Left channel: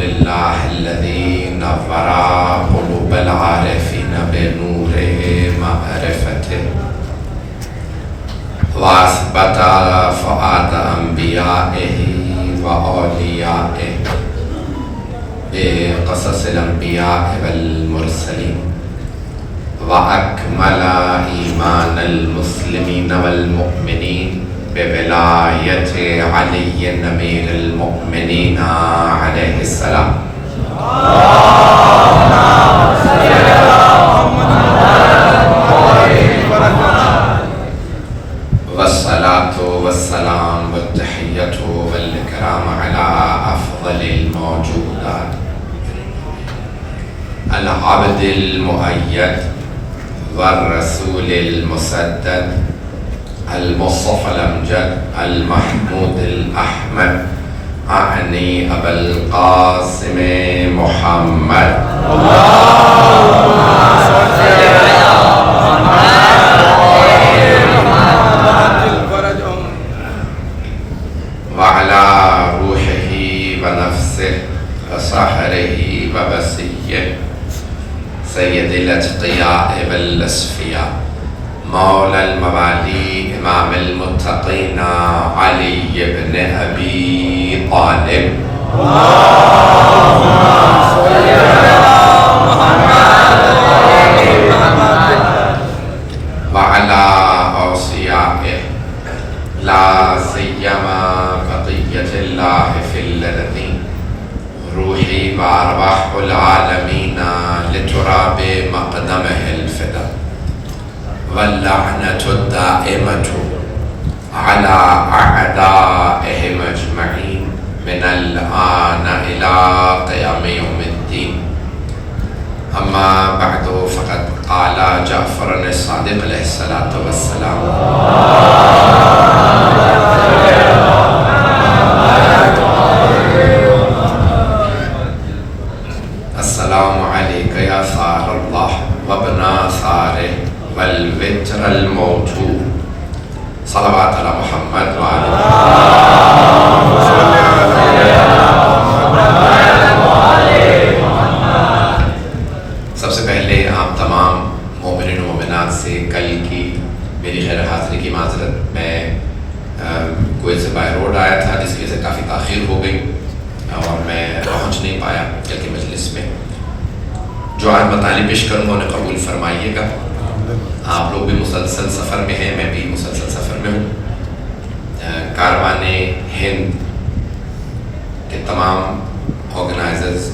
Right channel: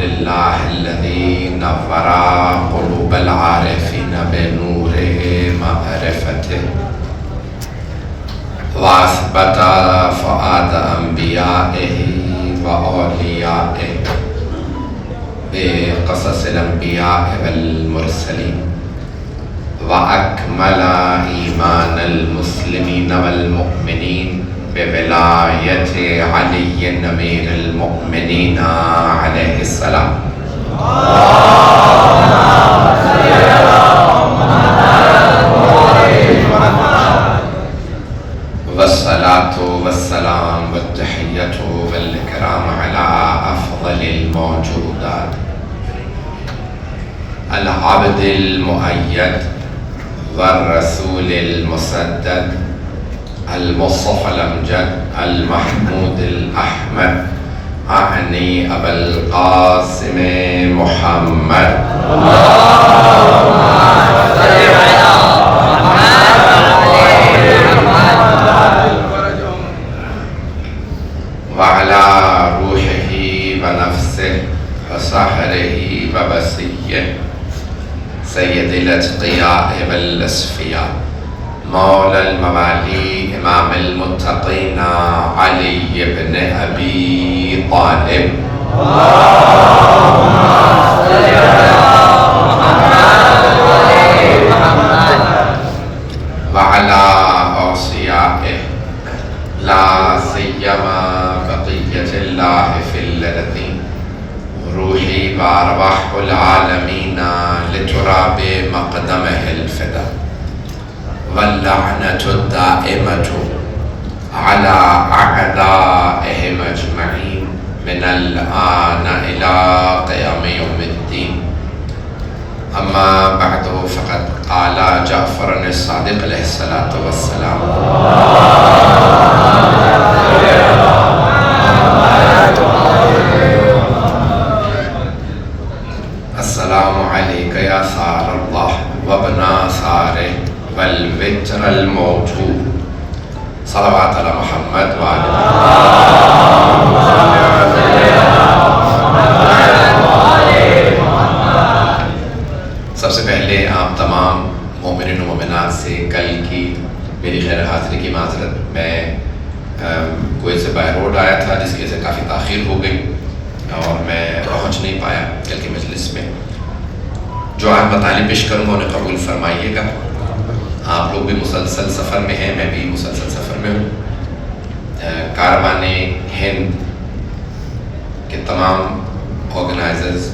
لله الذي نور قلوب العارفين بنور معرفته وأثبت فؤاد أنبيائه وأوليائه بقصص الأنبياء والمرسلين وأكمل إيمان المسلمين والمؤمنين بولاية علي أمير المؤمنين عليه السلام. والصلاة والسلام والتحية والإكرام على أفضل الموجودات العبد المؤيد والرسول المسدد المصطفى الأمجد المحمود الأحمد أعني أبا القاسم محمد. وعلى روحه ونفسه وسحره وبسيه سيد الأتقياء والأصفياء مولى الموالي إمام المتقين علي بن أبي طالب. وعلى أوصيائه لا سيما بقية الله في الذين روحي وأرواح العالمين لتراب مقدمه الفدا واللعنة الدائمة على أعدائهم أجمعين من الآن إلى قيام يوم الدين. أما بعد فقد قال جعفر الصادق عليه الصلاة والسلام السلام عليك يا ثار الله وابن ثاره والوتر الموجود صلوات على محمد سب سے پہلے آپ تمام مومنین و مومنات سے کل کی میری خیر حاضری کی معذرت. میں کویت سے بائی روڈ آیا تھا جس کی وجہ سے کافی تاخیر ہو گئی اور میں پہنچ نہیں پایا کل کی مجلس میں. جو آج مطالب پیش کروں گا انہیں قبول فرمائیے گا. آپ لوگ بھی مسلسل سفر میں ہیں, میں بھی مسلسل سفر میں ہوں. کاروان ہند کے تمام آرگنائزرز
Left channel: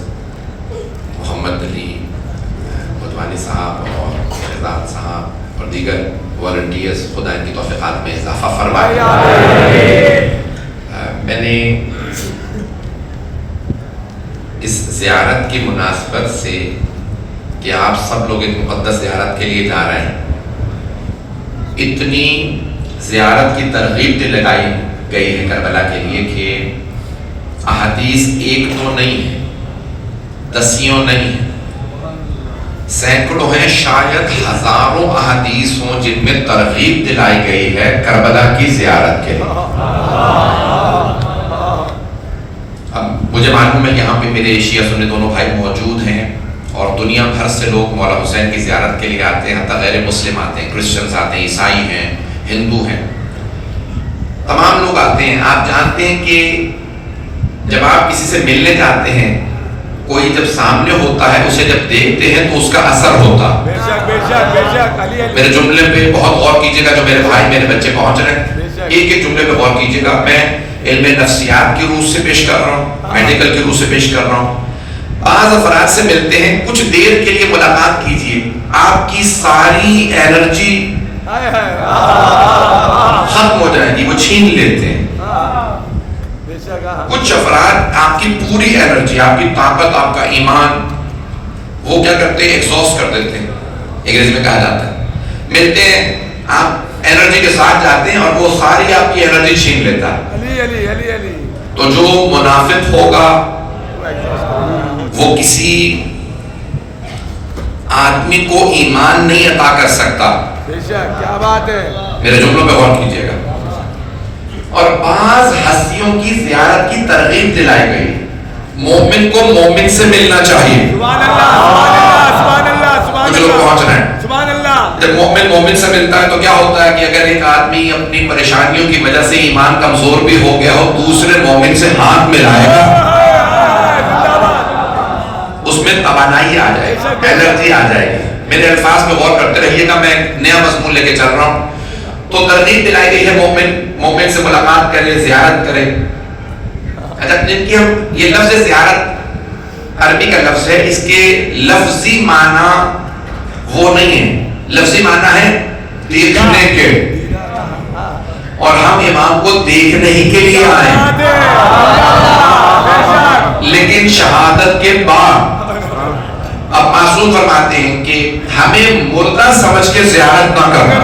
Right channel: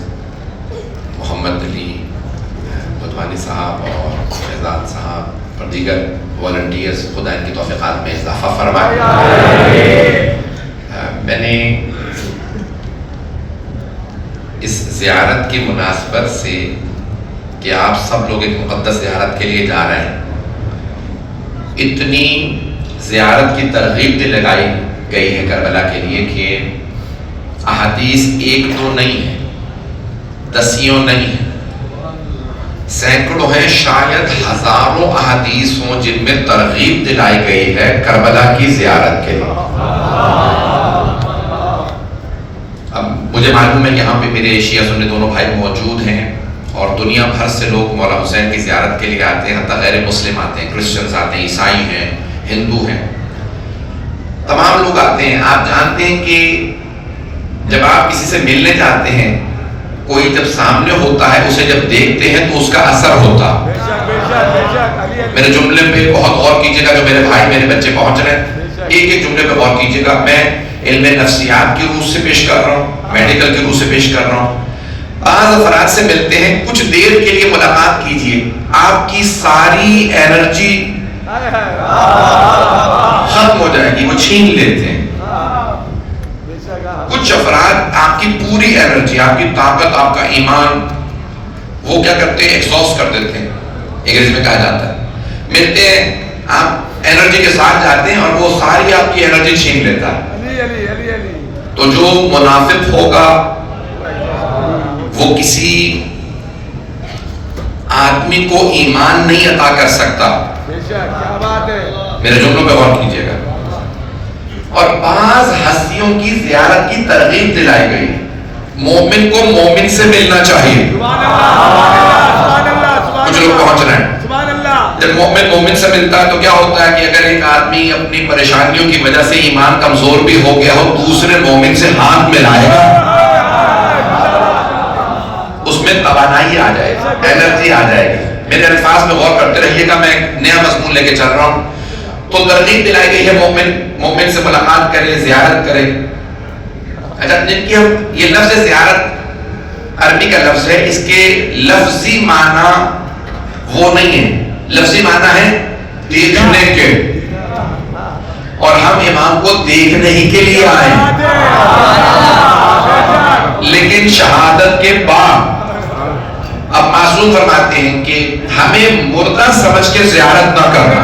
محمد علی بدوانی صاحب اور شہزاد صاحب اور دیگر والنٹیئرز خدا ان کی توفیقات میں اضافہ فرمائے. میں نے اس زیارت کی مناسبت سے کہ آپ سب لوگ ایک مقدس زیارت کے لیے جا رہے ہیں, اتنی زیارت کی ترغیب دلائی گئی ہے کربلا کے لیے کہ احادیث ایک دو نہیں ہے, دسیوں نہیں ہے, سینکڑوں ہیں, شاید ہزاروں احادیث ہوں جن میں ترغیب دلائی گئی ہے کربلا کی زیارت کے لیے. اب مجھے معلوم ہے یہاں پہ میرے شیعہ سنی دونوں بھائی موجود ہیں اور دنیا بھر سے لوگ مولا حسین کی زیارت کے لیے آتے ہیں, حتیٰ غیر مسلم آتے ہیں, کرسچنز آتے ہیں, عیسائی ہیں, ہندو ہیں, تمام لوگ آتے ہیں. آپ جانتے ہیں کہ جب آپ کسی سے ملنے جاتے ہیں, کوئی جب سامنے ہوتا ہے اسے جب دیکھتے ہیں تو اس کا اثر ہوتا. میرے جملے پہ بہت غور کیجیے گا, جو میرے بھائی میرے بچے پہنچ رہے ہیں ایک ایک جملے پہ غور کیجیے گا. میں علم نفسیات کی روح سے پیش کر رہا ہوں, میڈیکل کی روح سے پیش کر رہا ہوں. بعض افراد سے ملتے ہیں, کچھ دیر کے لیے ملاقات کیجیے, آپ کی ساری انرجی ختم ہو جائے گی, وہ چھین لیتے ہیں. کچھ افراد آپ کی پوری انرجی, آپ کی طاقت, آپ کا ایمان وہ کیا کرتے ہیں, ایکسہاسٹ کر دیتے ہیں, انگریزی میں کہا جاتا ہے. ملتے ہیں, آپ انرجی کے ساتھ جاتے ہیں اور وہ ساری آپ کی انرجی چھین لیتا ہے. تو جو منافق ہوگا وہ کسی آدمی کو ایمان نہیں عطا کر سکتا. میرے جملوں پہ غور کیجیے گا. اور بعض ہستیوں کی زیارت کی ترغیب دلائی گئی. مومن کو مومن سے ملنا چاہیے. کچھ لوگ پہنچنا ہے. جب مومن مومن سے ملتا ہے تو کیا ہوتا ہے کہ اگر ایک آدمی اپنی پریشانیوں کی وجہ سے ایمان کمزور بھی ہو گیا ہو, دوسرے مومن سے ہاتھ ملائے گا, اس میں توانائی آ جائے گی, انرجی آ جائے گی. میرے الفاظ میں غور کرتے رہیے گا, میں ایک نیا مضمون لے کے چل رہا ہوں. تو ترغیب دلائی گئی ہے مومن مومن سے ملاقات کرے, زیارت کرے. اچھا, جن کی ہم یہ لفظ زیارت عربی کا لفظ ہے, اس کے لفظی معنی وہ نہیں ہے. لفظی معنی ہے دیکھنے کے, اور ہم امام کو دیکھنے ہی کے لیے آئے ہیں. لیکن شہادت کے بعد اب معصوم فرماتے ہیں کہ ہمیں مردہ سمجھ کے زیارت نہ کرنا.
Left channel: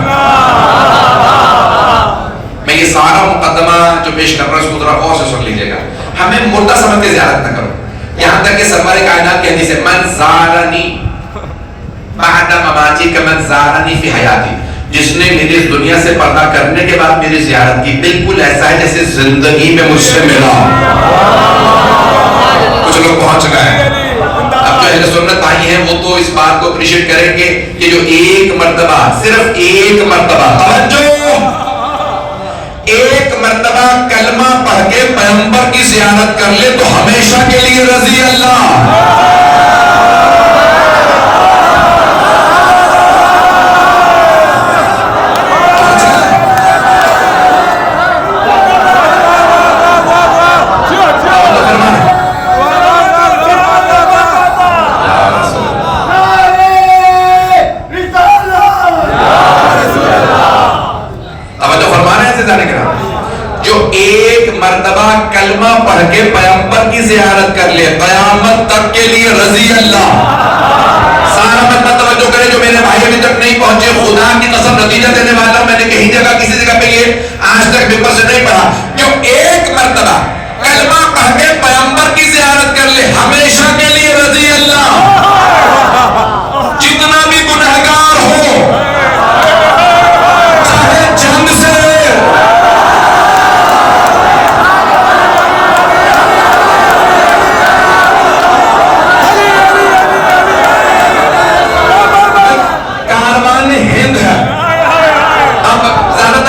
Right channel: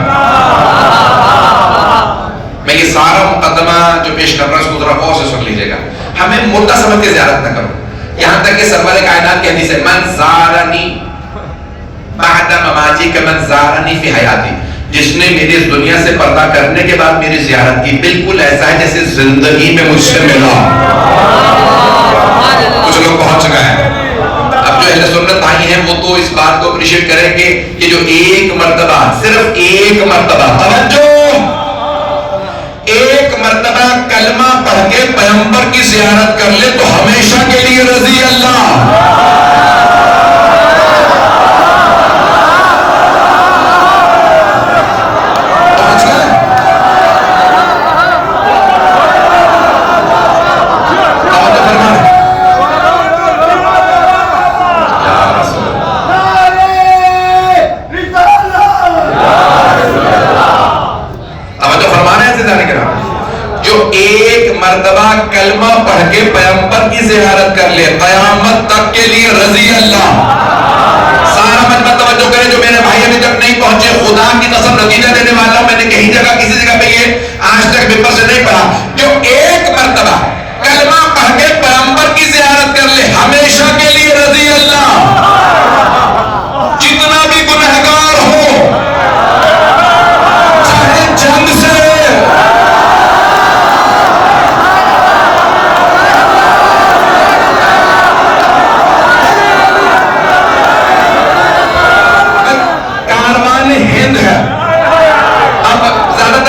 میں یہ سارا مقدمہ جو پیش کر رہا ہوں اس کو ذرا غور سے سن لیجیے گا. ہمیں مردہ سمجھ کے زیارت نہ کرو. یہاں تک کہ سرور کائنات کی حدیث ہے, من زارنی بعد مماتی کمن زارنی فی حیاتی, جس نے میری دنیا سے پردہ کرنے کے بعد میری زیارت کی, بالکل ایسا ہے جیسے زندگی میں مجھ سے ملا. کچھ لوگ پہنچ گئے ہیں. اب جو اہل سنت آئی ہیں وہ تو اس بات کو اپریشیٹ کریں گے کہ جو ایک مرتبہ, صرف ایک مرتبہ, توجہ, ایک مرتبہ کلمہ پڑھ کے پیغمبر کی زیارت کر لے تو ہمیشہ کے لیے رضی اللہ. مرتبہ کلمہ پڑھ کے پیغمبر کی زیارت کر لے, قیامت تک کے لیے رضی اللہ. سارا مطلب توجہ کرے جو میرے بھائی ابھی تک نہیں پہنچے, خدا کی قسم نتیجہ دینے والا ہوں. میں نے کہیں جگہ کسی جگہ پہ یہ آج تک ممبر سے نہیں پڑھا. جو ایک مرتبہ کلمہ پڑھ کے پیغمبر کی زیارت کر لے ہمیشہ کے لیے رضی اللہ. جتنا بھی گنہگار ہو, چاہے جنگ سے,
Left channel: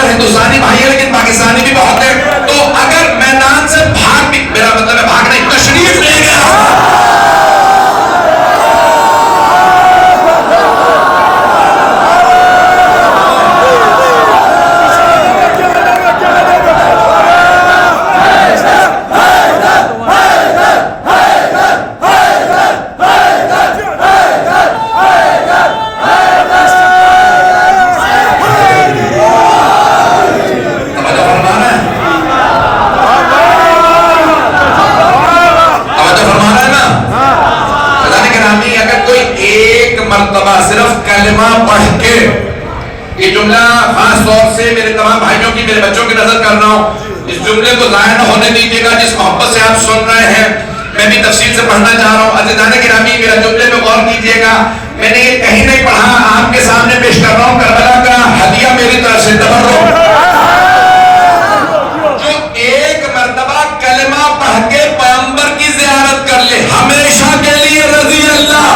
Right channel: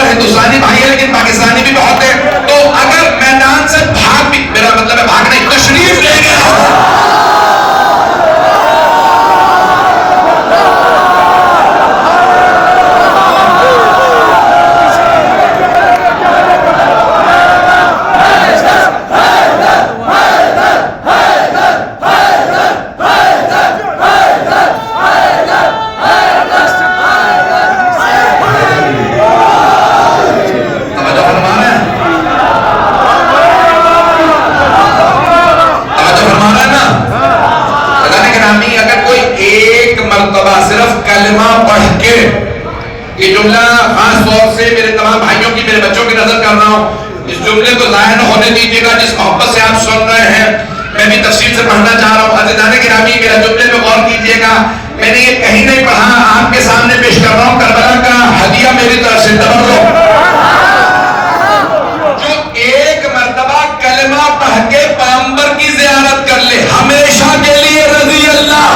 ہندوستانی بھائی ہے لیکن پاکستانی بھی بہت ہے, تو اگر میدان سے بھاگ بھی, میرا مطلب ہے بھاگ نہیں, تشریف لے گیا, صرف کلمہ پڑھ کے, یہ جملہ خاص طور سے میرے تمام بھائیوں کی, میرے بچوں کی نظر کر رہا ہوں, اس جملے کو ظاہر نہ ہونے دیجیے گا جس محبت سے آپ سن رہے ہیں. میں بھی تفصیل سے پڑھنا چاہ رہا ہوں. عزیزان گرامی, میرا جملے میں غور کیجیے گا. میں نے یہ کہیں نہیں پڑھا, آپ کے سامنے پیش کر رہا ہوں کربلا کا ہدیہ میری طرف سے. تبرک, جو ایک مرتبہ کلمہ پڑھ کے پیغمبر کی زیارت کر لے ہمیشہ کے لیے رضی اللہ.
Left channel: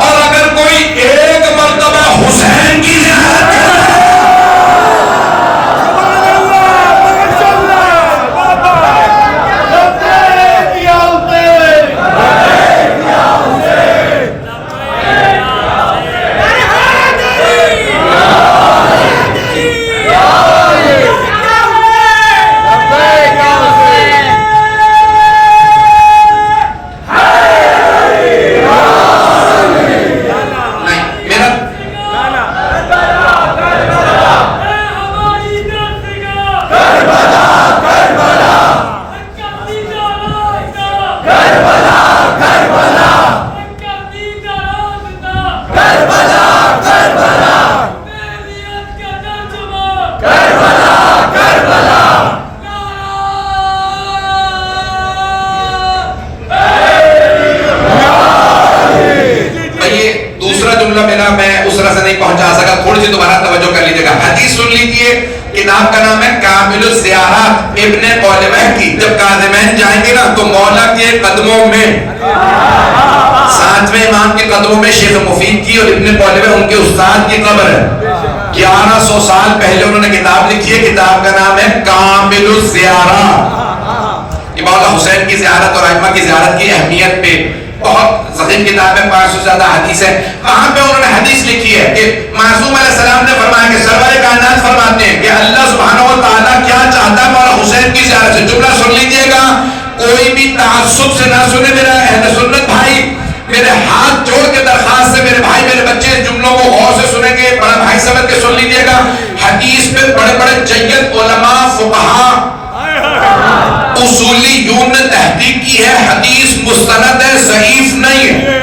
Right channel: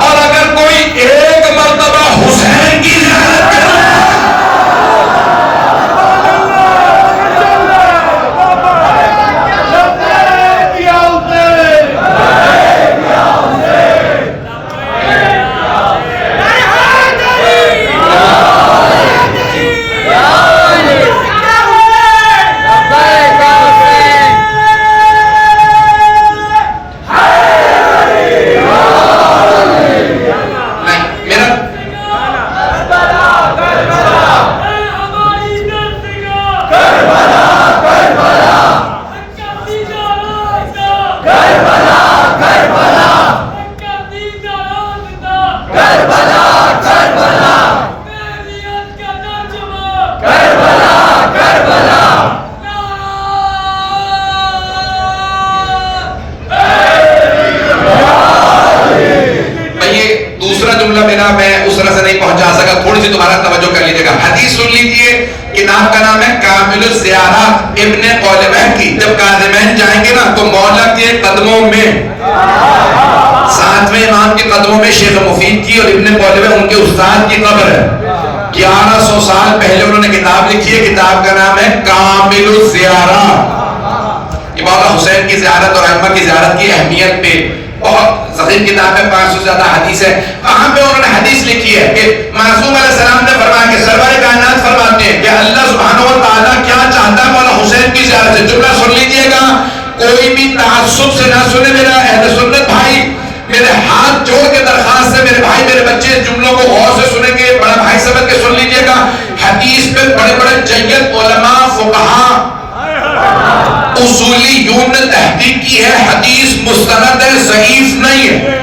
اور اگر کوئی ایک مرتبہ حسین کی زیارت کرے, دوسرا جملہ میرا میں اس طرح سے نہیں پہنچا سکا, تھوڑی سی دوبارہ توجہ کر لیجیے گا. حدیث سن لیجیے, کتاب کا نام ہے کامل الزیارات ابن قولبہ کی. جب کاظمین جائیں گے نا تو مولا کے قدموں میں, ساتویں امام کے قدموں میں شیخ مفید کی اور ابن قولبہ ان کے استاد کی قبر ہے. 1100 سال پہلے انہوں نے کتاب لکھی ہے, کتاب کا نام ہے کامل الزیارات. مولا حسین کی زیارت اور ائمہ کی زیارت کی اہمیت پہ بہت ضخیم کتاب ہے, 500 سے زیادہ حدیث ہے. وہاں پہ انہوں نے حدیث لکھی ہے کہ معصوم علیہ السلام نے فرمایا کہ سرور کائنات فرماتے ہیں کہ اللہ سبحانہ و تعالیٰ کیا چاہتا ہے مولا حسین کی زیارت سے. جملہ سن لیجئے گا, کوئی بھی تعصب سے نہ سنے میرا اہل سنت بھائی, میرے ہاتھ جوڑ کے درخواست سے میرے بھائی میرے بچے اس جملوں کو غور سے سنیں گے, بڑا بھائی سمجھ کے سن لیجئے گا. حدیث پہ بڑے بڑے جید علماء فقہاء اصولیون نے تحقیق کی ہے, حدیث مستند ہے, ضعیف نہیں ہے.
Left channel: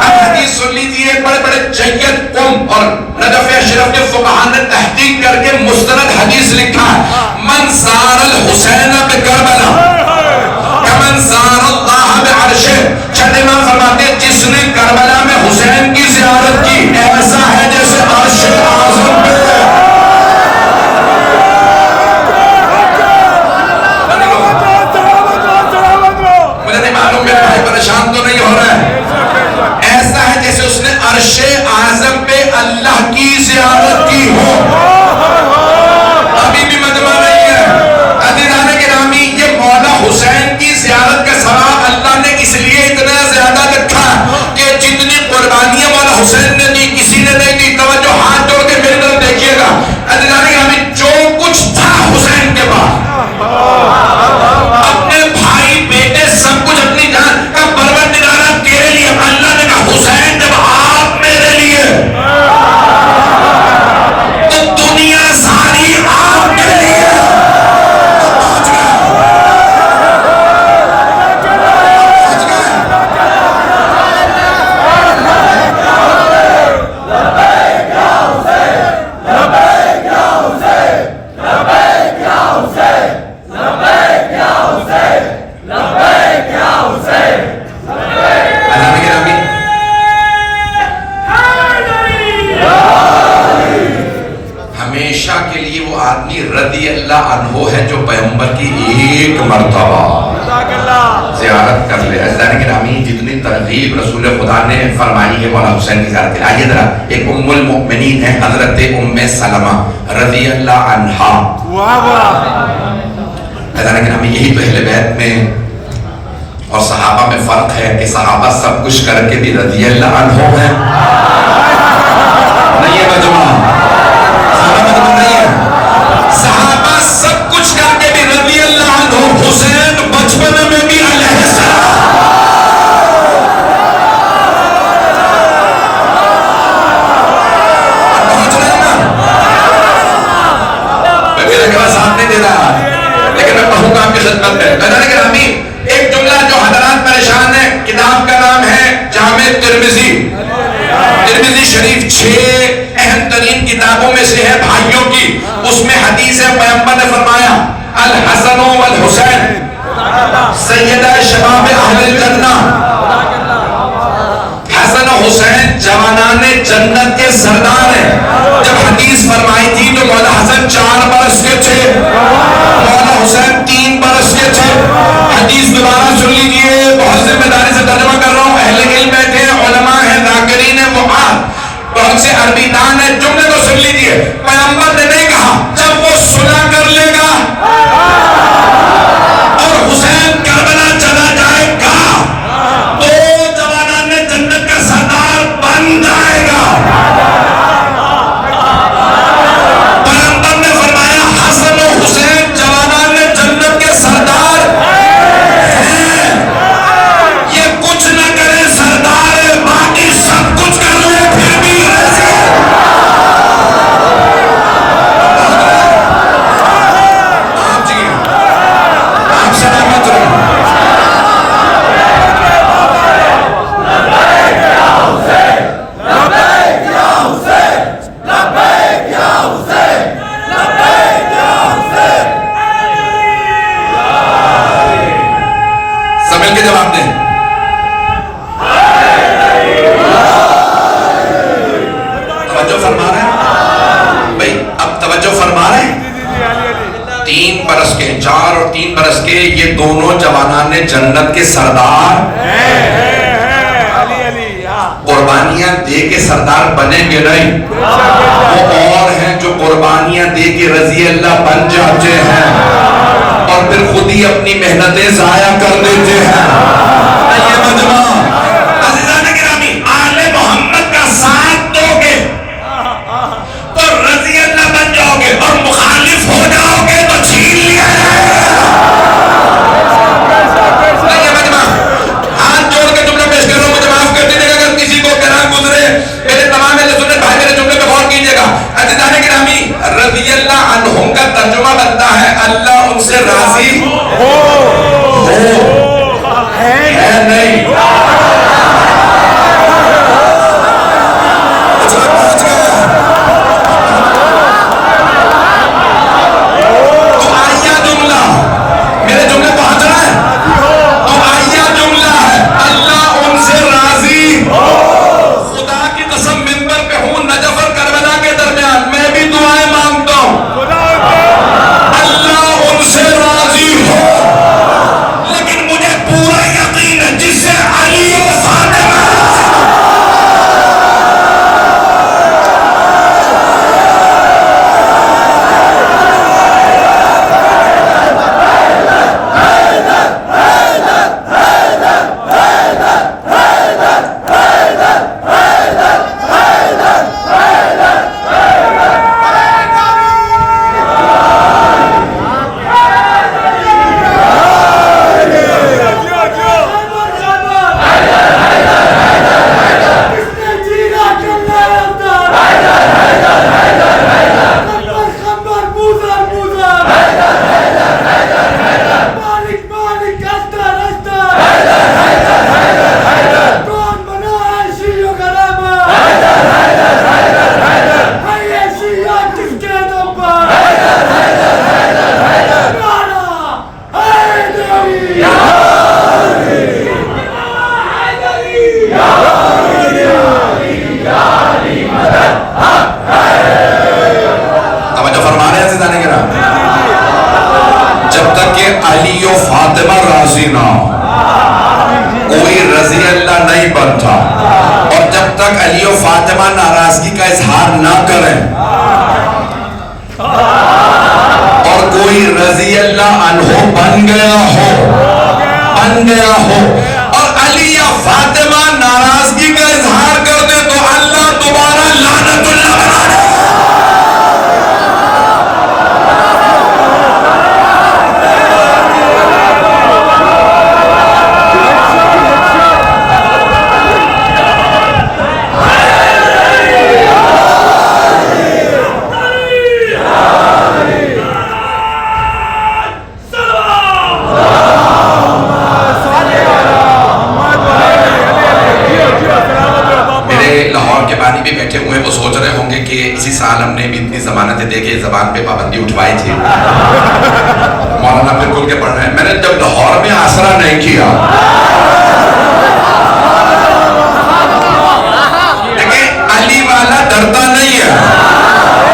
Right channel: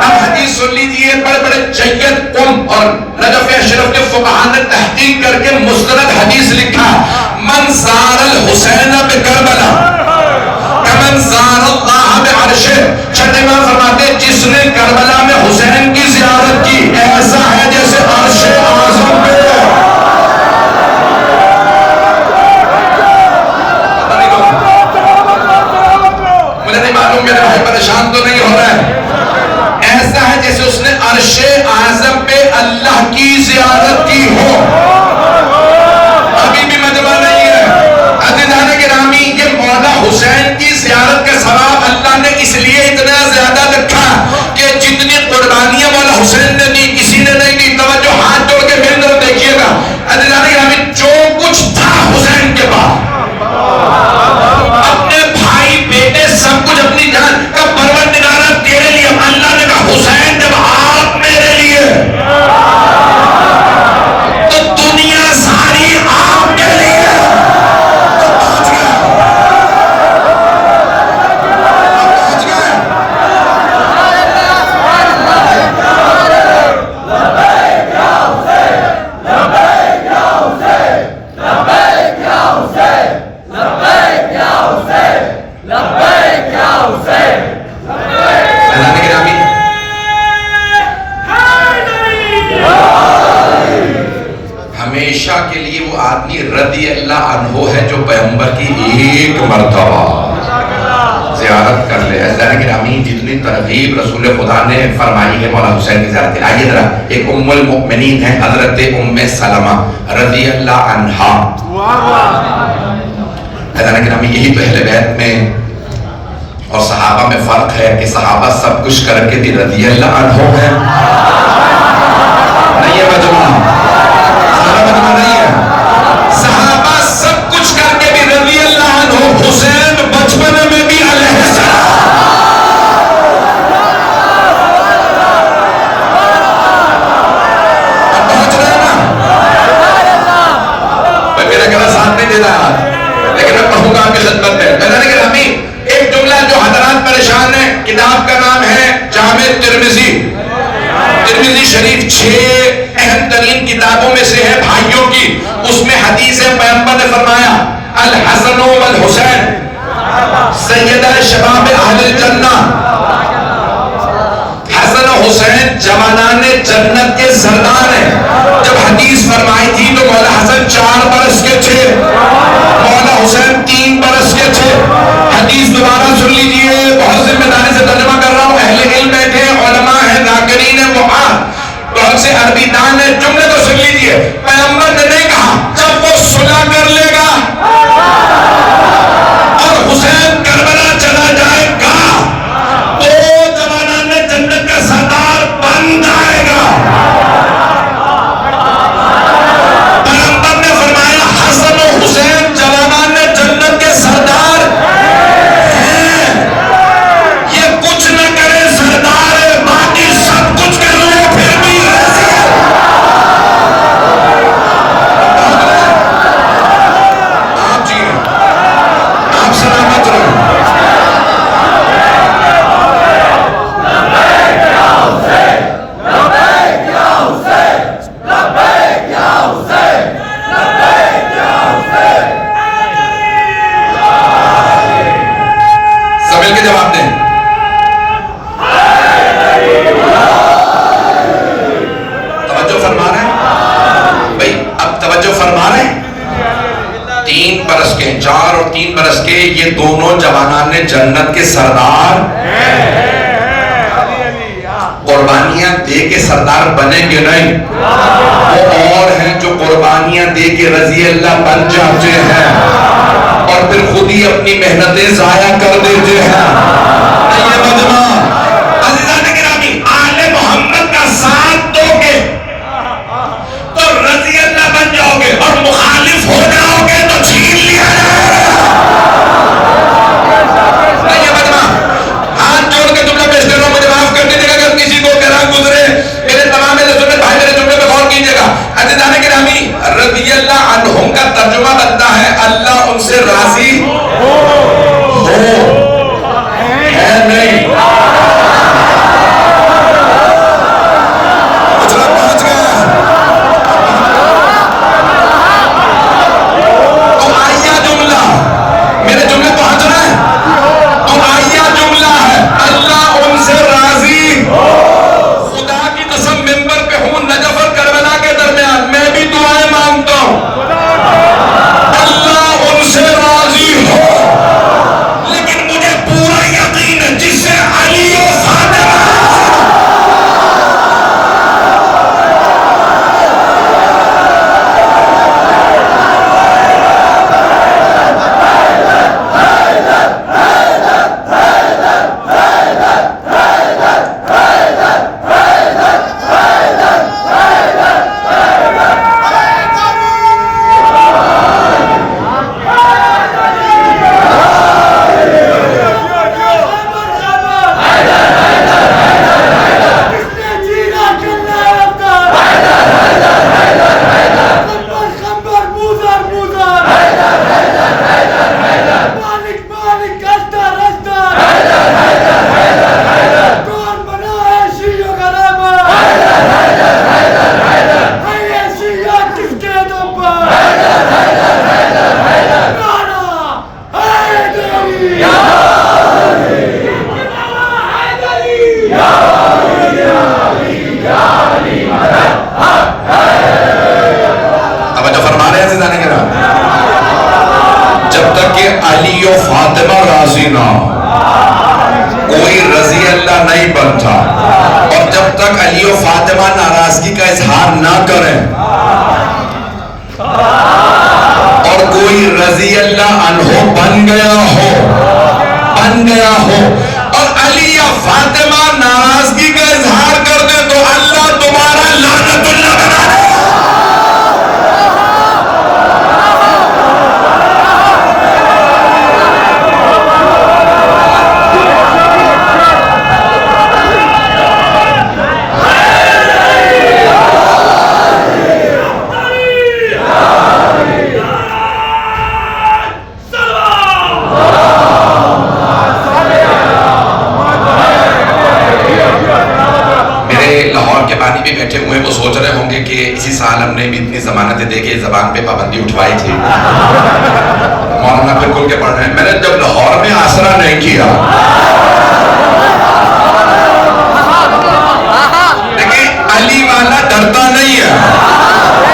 اب حدیث سن لیجئے, بڑے بڑے جید قم اور نجف اشرف کے فقہاء نے تحقیق کر کے مستند حدیث لکھا ہے. من زار الحسین بکربلا کمن زار اللہ بعرشہ. چھٹے امام فرماتے ہیں جس نے کربلا میں حسین کی زیارت کی ایسا ہے جیسے عرش اعظم پہ. مجھے نہیں معلوم میرے بھائی پریشان تو نہیں ہو رہا ہے. ایسا ہے جیسے اس نے عرش اعظم پہ اللہ کی زیارت کی ہو. ابھی بھی مجمع نہیں ہے. عزیزان گرامی, یہ مولا حسین کی زیارت کا ثواب اللہ نے اس لیے اتنا زیادہ رکھا کہ جتنی قربانیاں مولا حسین نے دی کسی نے نہیں دی. توجہ ہاتھ جوڑ کے میری طرف دیکھیے گا. عزیزان گرامی, جو کچھ تھا حسین کے پاس, اپنے بھائی بیٹے سب کچھ, اپنی جان کا پروردگارہ تیرے لیے. اللہ نے کہا حسین جب آپ میرے لیے تو دنیا ساری آپ کے لیے. ہمیشہ کے لیے وہ آدمی رضی اللہ عنہ ہے جو پیغمبر کی ایک مرتبہ زیارت کر لے. عزیزان گرامی, جتنی ترغیب رسول خدا نے فرمائی ہے مولا حسین کی زیارت. آئیے ذرا, ایک ام المؤمنین ہے حضرت ام سلمہ رضی اللہ عنہا. عزیزان گرامی, یہی تو اہل بیت میں اور صحابہ میں فرق ہے کہ صحابہ سب کچھ کر کے بھی رضی اللہ عنہ ہیں. نہیں ہے مجمع, نہیں ہے. صحابہ سب کچھ کر کے بھی رضی اللہ عنہ. حسین بچپن میں بھی علیہ السلام. پہنچ رہے ہیں نا, میں میرا کہنا ساتھ نہیں دے رہا لیکن میں پڑھوں گا آپ کی خدمت میں. لگانے کے رامی, ایک جملہ جو حضرات پریشان ہیں, کتاب کا نام ہے جامع ترمذی. ترمذی شریف 6 اہم ترین کتابوں میں سے ہے بھائیوں کی. اس میں حدیث ہے, پیغمبر نے فرمایا الحسن والحسین سیدہ شباب اہل الجنہ. حسن و حسین جوانان جنت کے سردار ہیں. جب حدیث فرمائی تھی تو مولا حسن 4 برس کے تھے, مولا حسین 3 برس کے تھے. حدیث دوبارہ سن لیجئے, بہت ذمہ داری سے ترجمہ کر رہا ہوں. اہل علم بیٹھے, علماء ہیں, ذاکرین ہیں, معاد, بہت سے عربی دان ہیں. جملے کو سن لیجئے. پیغمبر نے نہیں کہا جب وہ صلح کر لے گا اور حسین کربلا چلا جائے گا تو جوانان جنت کا سردار بن جائے گا. پیغمبر نے فرمایا حسن و حسین جوانان جنت کے سردار ہیں. یہ کچھ نہ کرے سردار, باقی سب کچھ کر لے پھر بھی توجہ فرما رہے ہیں؟ 3 برس کے 4 اور 3 برس کے یہ دونوں جوانان جنت کے سردار قربانیاں دے کے سردار بنیں گے نہیں، وہ اور ہیں جو قربانیاں دے کے رضی اللہ بن جاتے ہیں اور پھر خود ہی اپنی محنتیں ضائع کر دیتے ہیں۔ یہ مجمع عزیزان گرامی، آل محمد کا ساتھ دو گے تو رضی اللہ بن جاؤ گے، اور مخالف ہو جاؤ گے تو چھین لیا جائے گا۔ یہ مجمع ہاتھ جوڑ کے جملہ پیش کر رہا ہوں، مجھے معاف کر دیجیے گا اگر کسی کو کلام گزرے، میرے تمام اہل سنت بھائی میرے جملے پہ غور کیجیے گا۔ عزیزان گرامی، رضی اللہ عنہم کا ترجمہ بنتا ہے اللہ ان سے راضی ہو، ہے نہیں؟ جب تک کہ علی و فاطمہ راضی نہ ہو کوئی رضی اللہ نہیں بنتا، اور جب تک علی و فاطمہ ناراضگی کا اظہار نہ کریں اور کوئی رضی اللہ عنہ بن گیا ہو اور علی یا فاطمہ ناراضگی کا اظہار کر دے تو اللہ دوبارہ لعنت اللہ بنا دے۔ لاہور کے بانی بھی بیٹھے ہوئے، وہ سوچ رہے ہوں گے کہ اسی سال ہم نے بھی اتنی ضمانتیں دے کے زبان پہ پابندی اٹھوائی تھی، مولانا پھر کھل کے پڑھ رہے ہیں۔ میں نے جب لاہور میں آسرا نہیں کیا، لیکن علی والا ڈرتا نہیں ہے،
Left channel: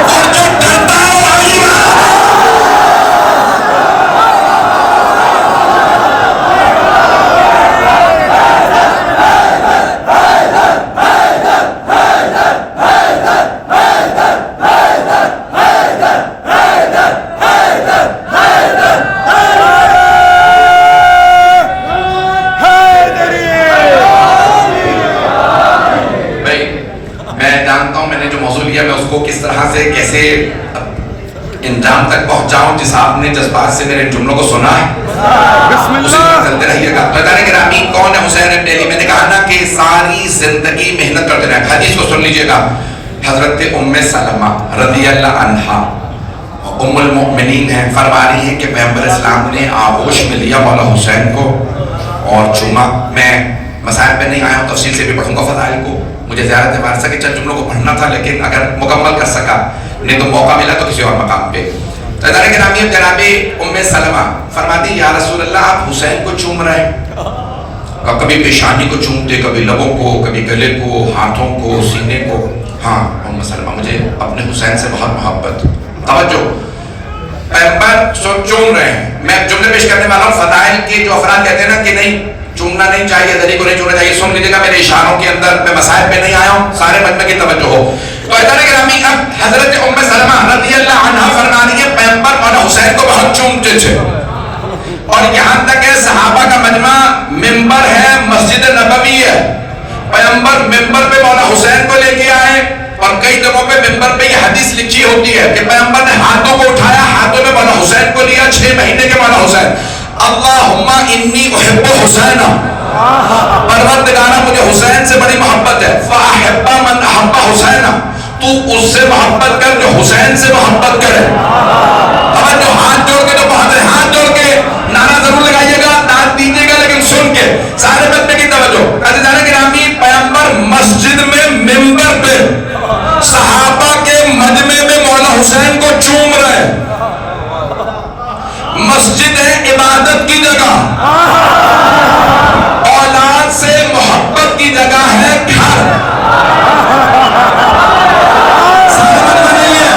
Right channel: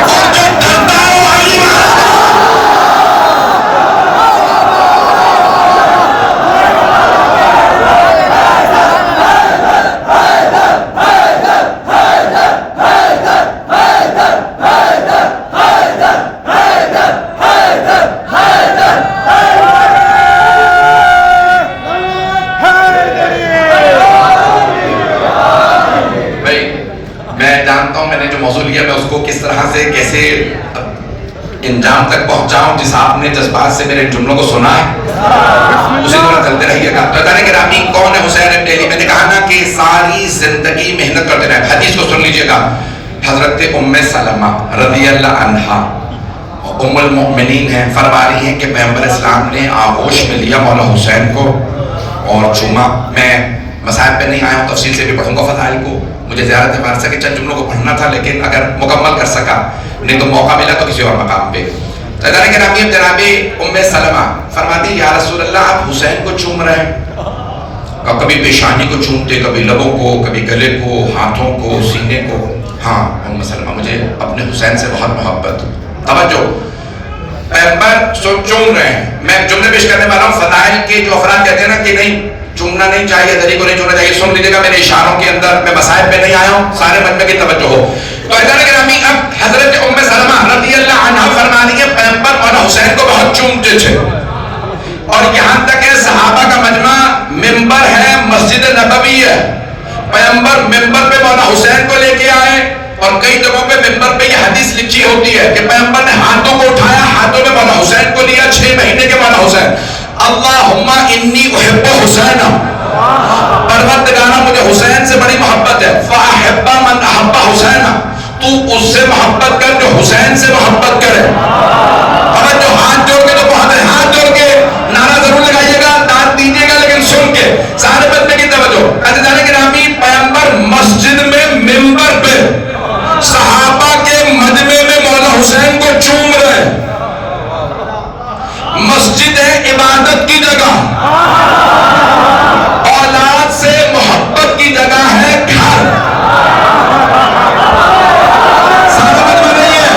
اور جو ڈرتا ہے وہ علی والا ہے۔ میں جانتا ہوں میں نے جو موضوع لیا میں اس کو کس طرح سے کیسے انجام تک پہنچاؤں، جس آپ نے جذبات سے میرے جملوں کو سنا ہے اسی طرح چلتے رہیے گا۔ بتانے گرامی کون ہے حسین ابن علی؟ میں نے کہا نا کہ ساری زندگی محنت کرتے رہے۔ حدیث کو سن لیجئے گا، حضرت ام سلمہ رضی اللہ عنہا ام المؤمنین ہیں، فرما رہی ہیں کہ پیغمبر اسلام نے آغوش میں لیا مولا حسین کو اور چوما۔ میں مسائل پہ نہیں آیا ہوں، تفصیل سے بھی پڑھوں گا فضائل کو، مجھے زیارت وارثہ کے چند جملوں کو پڑھنا تھا، لیکن اگر مکمل کر سکا نہیں تو موقع ملا تو کسی اور مقام پہ۔ ادارے گرامی اب جناب ام سلمہ فرماتی یا رسول اللہ آپ حسین کو چوم رہے ہیں، کبھی پیشانی کو چومتے، کبھی لبوں کو، کبھی گلے کو، ہاتھوں کو، سینے کو۔ ہاں ام سلمہ مجھے اپنے حسین سے بہت محبت، توجہ، پیغمبر چوم رہے ہیں. میں جملے پیش کرنے والا ہوں. فضائل کے جو افراد کہتے ہیں نا کہ نہیں چومنا نہیں چاہیے، دری کو نہیں چومنا چاہیے، سن لیجیے گا میرے اشاروں کے اندر. میں مسائل پہ نہیں آیا ہوں، سارے مجمع کی توجہ ہو. تو گرامی اب حضرت ام سلمہ رضی اللہ عنہا فرمانی ہے پیغمبر مولانا حسین کو بہت چومتے تھے، اور یہاں تک ہے صحابہ کا مجمع ممبر ہے، مسجد نبوی ہے. پیغمبر ممبر پہ مولانا حسین کو لے کے آئے، اور کئی جگہوں پہ ممبر پہ یہ حدیث لکھی ہوتی ہے کہ پیغمبر نے ہاتھوں کو اٹھایا، ہاتھوں میں مولانا حسین کو لیا، 6 مہینے کے مولانا حسین. اللہم انی احب حسین، پروردگارا مجھے حسین سے بڑی محبت ہے. فاحب من احب حسین، تو اس سے محبت کر جو حسین سے محبت کرے. توجہ، ہاتھ جوڑ کے تو بہت ہے، ہاتھ جوڑ کے نعرہ ضرور لگائیے گا، داد دیجیے گا، لیکن سن کے سارے بچے کی توجہ. عزیزان گرامی پیغمبر مسجد میں ممبر پہ صحابہ کے مجمع میں مولانا حسین کو چوم رہے. مسجد ہے عبادت کی جگہ، اولاد سے محبت کی جگہ ہے گھر. سارا مجمع نہیں ہے.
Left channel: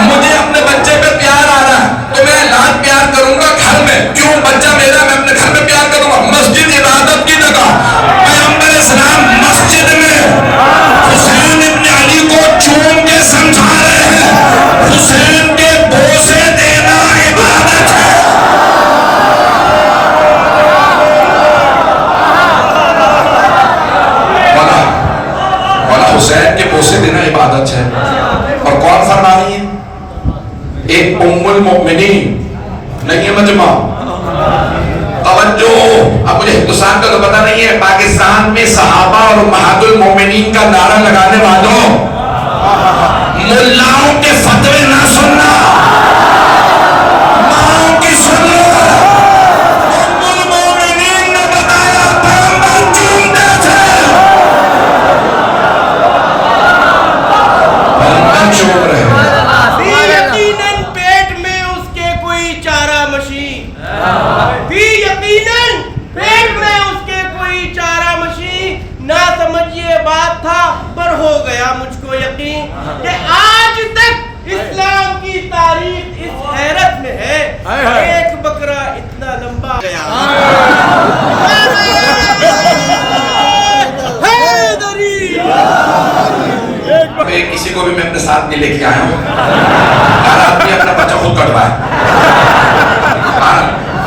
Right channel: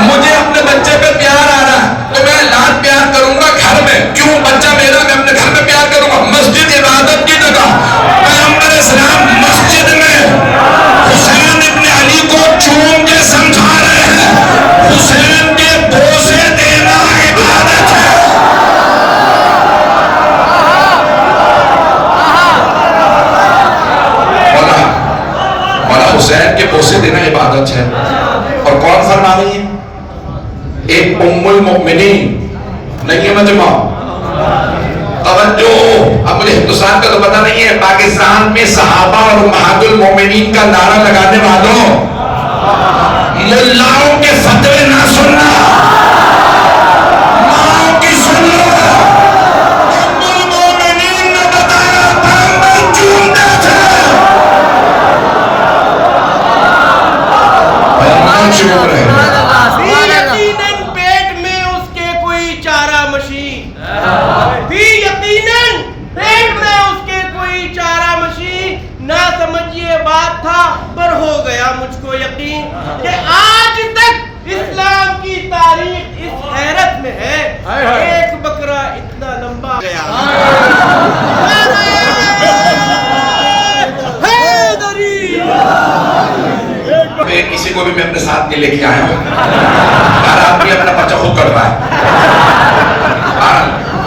مجھے اپنے بچے پہ پیار آ رہا ہے تو میں اولاد پیار کروں گا گھر میں. کیوں؟ بچہ میرا، میں اپنے گھر میں پیار کروں گا. مسجد عبادت کی جگہ، پیغمبر اسلام مسجد میں حسین ابن علی کو چوم کے سمجھا رہے ہیں حسین کے بوسے دینا عبادت ہے. مولا حسین کے بوسے دینا عبادت ہے. اور کون فرما رہی ہے؟ ایک ام المؤمنین. نہیں ہے مجمع. توجہ، اب مجھے ہندوستان کا تو پتہ نہیں ہے، پاکستان میں صحابہ اور امہات المؤمنین کا نعرہ لگانے والوں ملاؤں کے فتوے نہ سننا، ماؤں کی سنو. ام المؤمنین نے بتایا پیغمبر چومتے تھے، پیغمبر چوم رہے ہیں. یقیناً پیٹ میں اس کے کوئی چارہ مشین، یقیناً پیٹ میں اس کے کوئی چارہ مشین. نہ سمجھیے بات تھا پر ہو گیا مجھ کو یقین کہ آج تک اسلام کی تاریخ اس حیرت میں ہے. ایک بکرا اتنا لمبا گیا. کسی کو بھی میں اپنے ساتھ نہیں لے کے آیا ہوں، ہر آدمی اپنا پرچہ خود کٹوائے.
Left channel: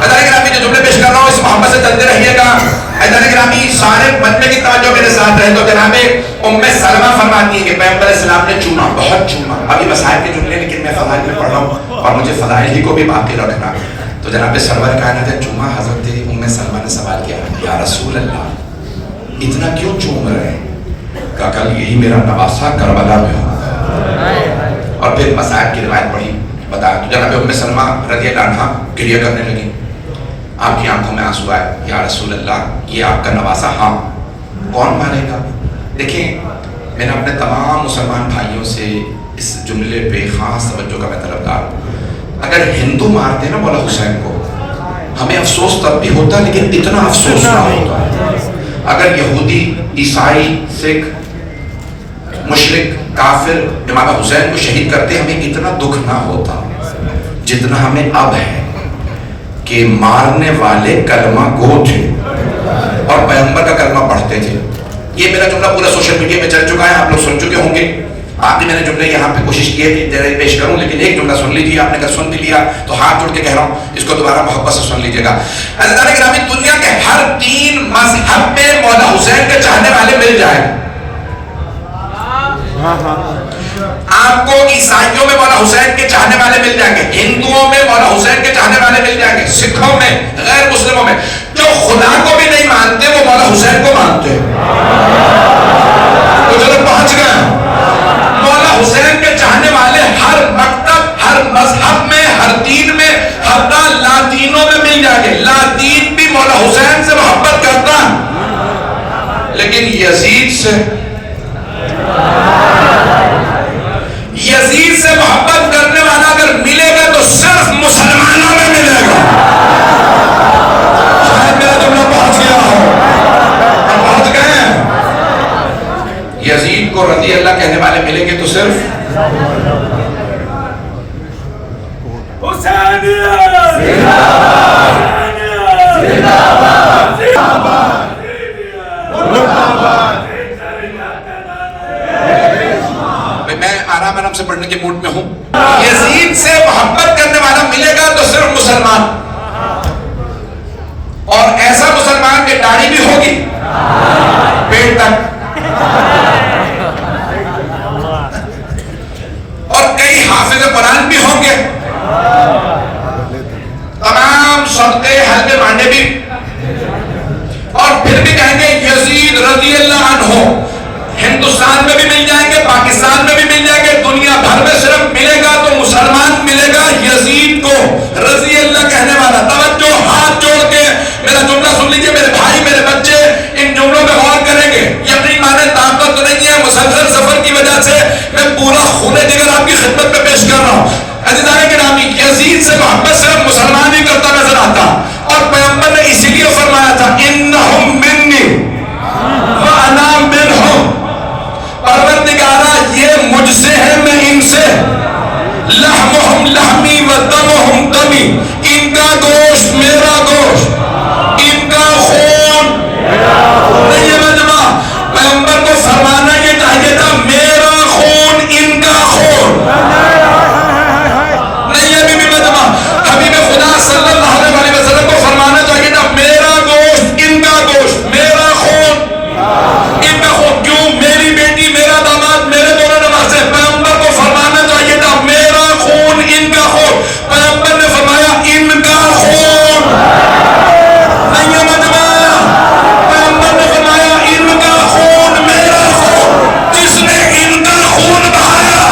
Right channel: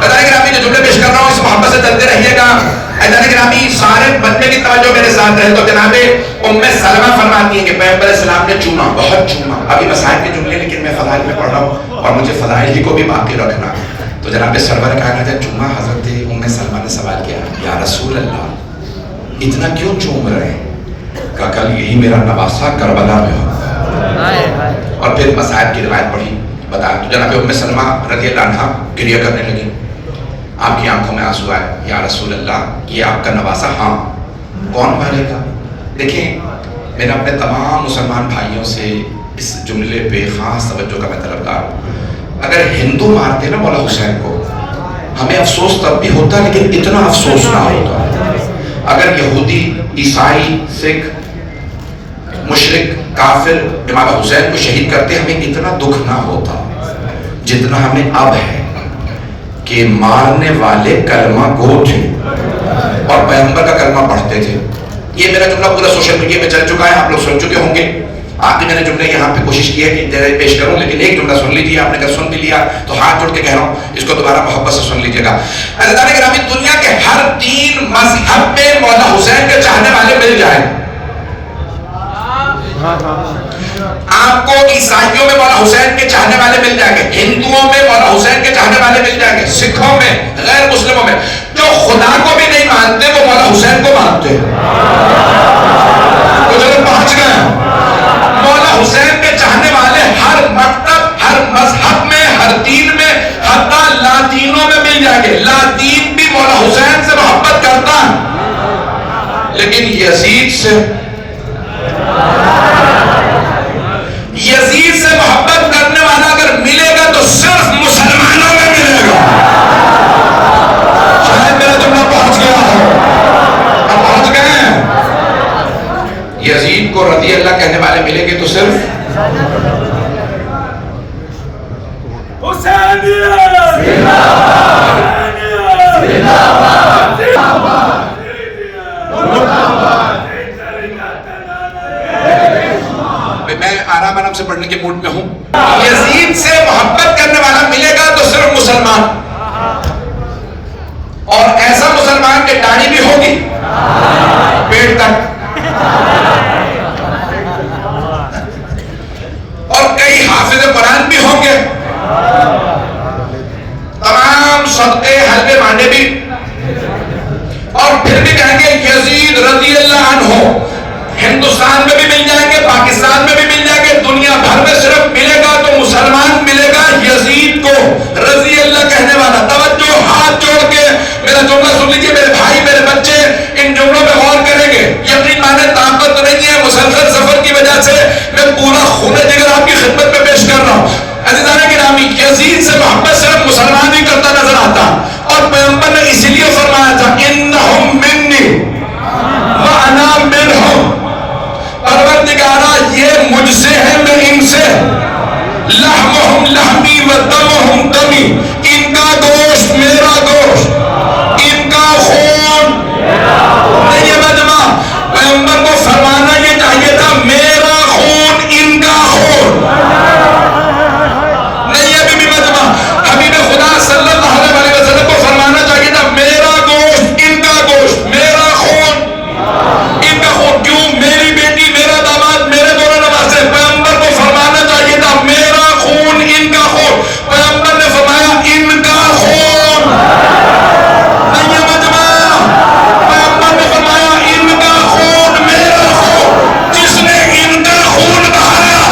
گرامی جو جملے پیش کر رہا ہوں اس محبت سے چلتے رہیے گا. گرامی سارے مجمع کی توجہ میرے ساتھ رہے. تو جناب ام سلمہ فرماتی ہے کہ پیغمبر السلام نے چوما، بہت چوما. ابھی مسائل کے جملے لیکن میں فضائل میں پڑھ رہا ہوں اور مجھے فضائل ہی کو بھی باقی رکھنا. تو جناب سرور کائنات ہے چوما. حضرت ام سلمہ نے سوال کیا، یا رسول اللہ اتنا کیوں چوم رہے ہیں؟ کہا کل یہی میرا نواسہ کربلا میں ہو. اور پھر مسائل کی روایت پڑھی، بتایا. تو جناب ام سلمہ رضی اللہ عنہا گریہ کرنے لگی. آپ کی آنکھوں میں آنسو آئے. یا رسول اللہ یہ آپ کا نواسہ، ہاں کون مارے گا؟ دیکھیں میں اپنے تمام مسلمان بھائیوں سے اس جملے پہ خاص توجہ کا میں طلبگار ہوں. اگر ہندو مارتے نا مولا حسین کو ہمیں افسوس تب بھی ہوتا لیکن اتنا افسوس نہ ہوتا. اگر یہودی، عیسائی، سکھ، مشرک، کافر امام حسین کو شہید کرتے ہمیں اتنا دکھ نہ ہوتا جتنا ہمیں اب ہے کہ مارنے والے کلمہ گو تھے اور پیغمبر کا کلمہ پڑھتے تھے. یہ میرا جملہ پورا سوشل میڈیا میں چل چکا ہے، آپ لوگ سن چکے ہوں گے. آخری میں نے جملے یہاں پہ کوشش کی ہے کہ ڈائریکٹ پیش کروں، لیکن ایک جملہ سن لیجیے. آپ نے اگر سن بھی لیا تو ہاتھ جوڑ کے کہہ رہا ہوں اس کو دوبارہ محبت سے سن لیجیے گا. عزیزان گرامی دنیا کے ہر 3 مذہب میں مولا حسین کے چاہنے والے مل جائیں. آپ کو عیسائیوں میں مولا حسین کے چاہنے والے مل جائیں گے، ہندوؤں میں مولا حسین کے چاہنے والے مل جائیں گے، سکھوں میں، غیر مسلموں میں. جو خدا کو بھی نہیں مانتے وہ مولا حسین کو مانتے ہیں. وہ چلو پہنچ گئے. مولا حسین کے چاہنے والے ہر مکتب، ہر مذہب میں، ہر دین میں، حتی لاطینوں میں مل جائیں گے. لاطین بھی مولا حسین سے محبت کرتا ہے لیکن یزید سے محبت کرنے والا اگر ملے گا تو صرف مسلمانوں میں ملے گا. شاید میرا جملہ پہنچ گیا ہو. ہم پہنچ گئے ہیں. یزید کو رضی اللہ کہنے والے ملیں گے تو صرف میں آرام آرام سے پڑھنے کے موڈ میں ہوں. یزید سے محبت کرنے والا ملے گا تو صرف مسلمان, اور ایسا مسلمان کہ داڑھی بھی ہوگی پیٹ تک, اور کئی حافظ قرآن بھی ہوں گے, تمام صدقے حلوے مانڈے بھی, اور پھر بھی کہیں گے یزید رضی اللہ عنہ. ہندوستان میں بھی مل جائیں گے, پاکستان میں بھی مل جائیں گے, دنیا بھر میں صرف ملے گا تو مسلمان ملے گا یزید کو رضی اللہ کہنے والا. توجہ, ہاتھ جوڑ کے میرا جملہ سن لیجیے میرے بھائی میرے بچے, ان جملوں میں غور کریں گے. یقین مانے طاقت نہیں ہے, مسلسل سفر کی وجہ سے میں پورا خون جگر آپ کی خدمت میں پیش کر رہا ہوں. عزیزان گرامی, یزید سے محبت صرف مسلمان ہی کرتا نظر آتا, اور پیغمبر نے اسی لیے فرمایا تھا انہم منی وانا منہم. پروردگارا یہ مجھ سے ہے میں ان سے, لحمہم لحمی و دمہم دمی, ان کا گوشت میرا گوشت, ان کا خون نہیں. یہ مجمع پیغمبر کو فرمانا یہ چاہیے تھا میرا خون ان کا خون نہیں. یہ بھی مجمع حبیب خدا صلی اللہ علیہ وسلم کو فرمانا چاہیے تھا میرا گوشت ان کا گوشت, میرا خون ان کا خون. کیوں؟ میری بیٹی میرا داماد میرے دونوں نماز سے. پیغمبر کو فرمانا چاہیے تھا میرا خون ان کا خون. پیغمبر نے فرمایا ان کا خون نہیں. یہ مجمع پیغمبر نے فرمایا ان کا خون میرا خون. جس نے ان کا خون بہایا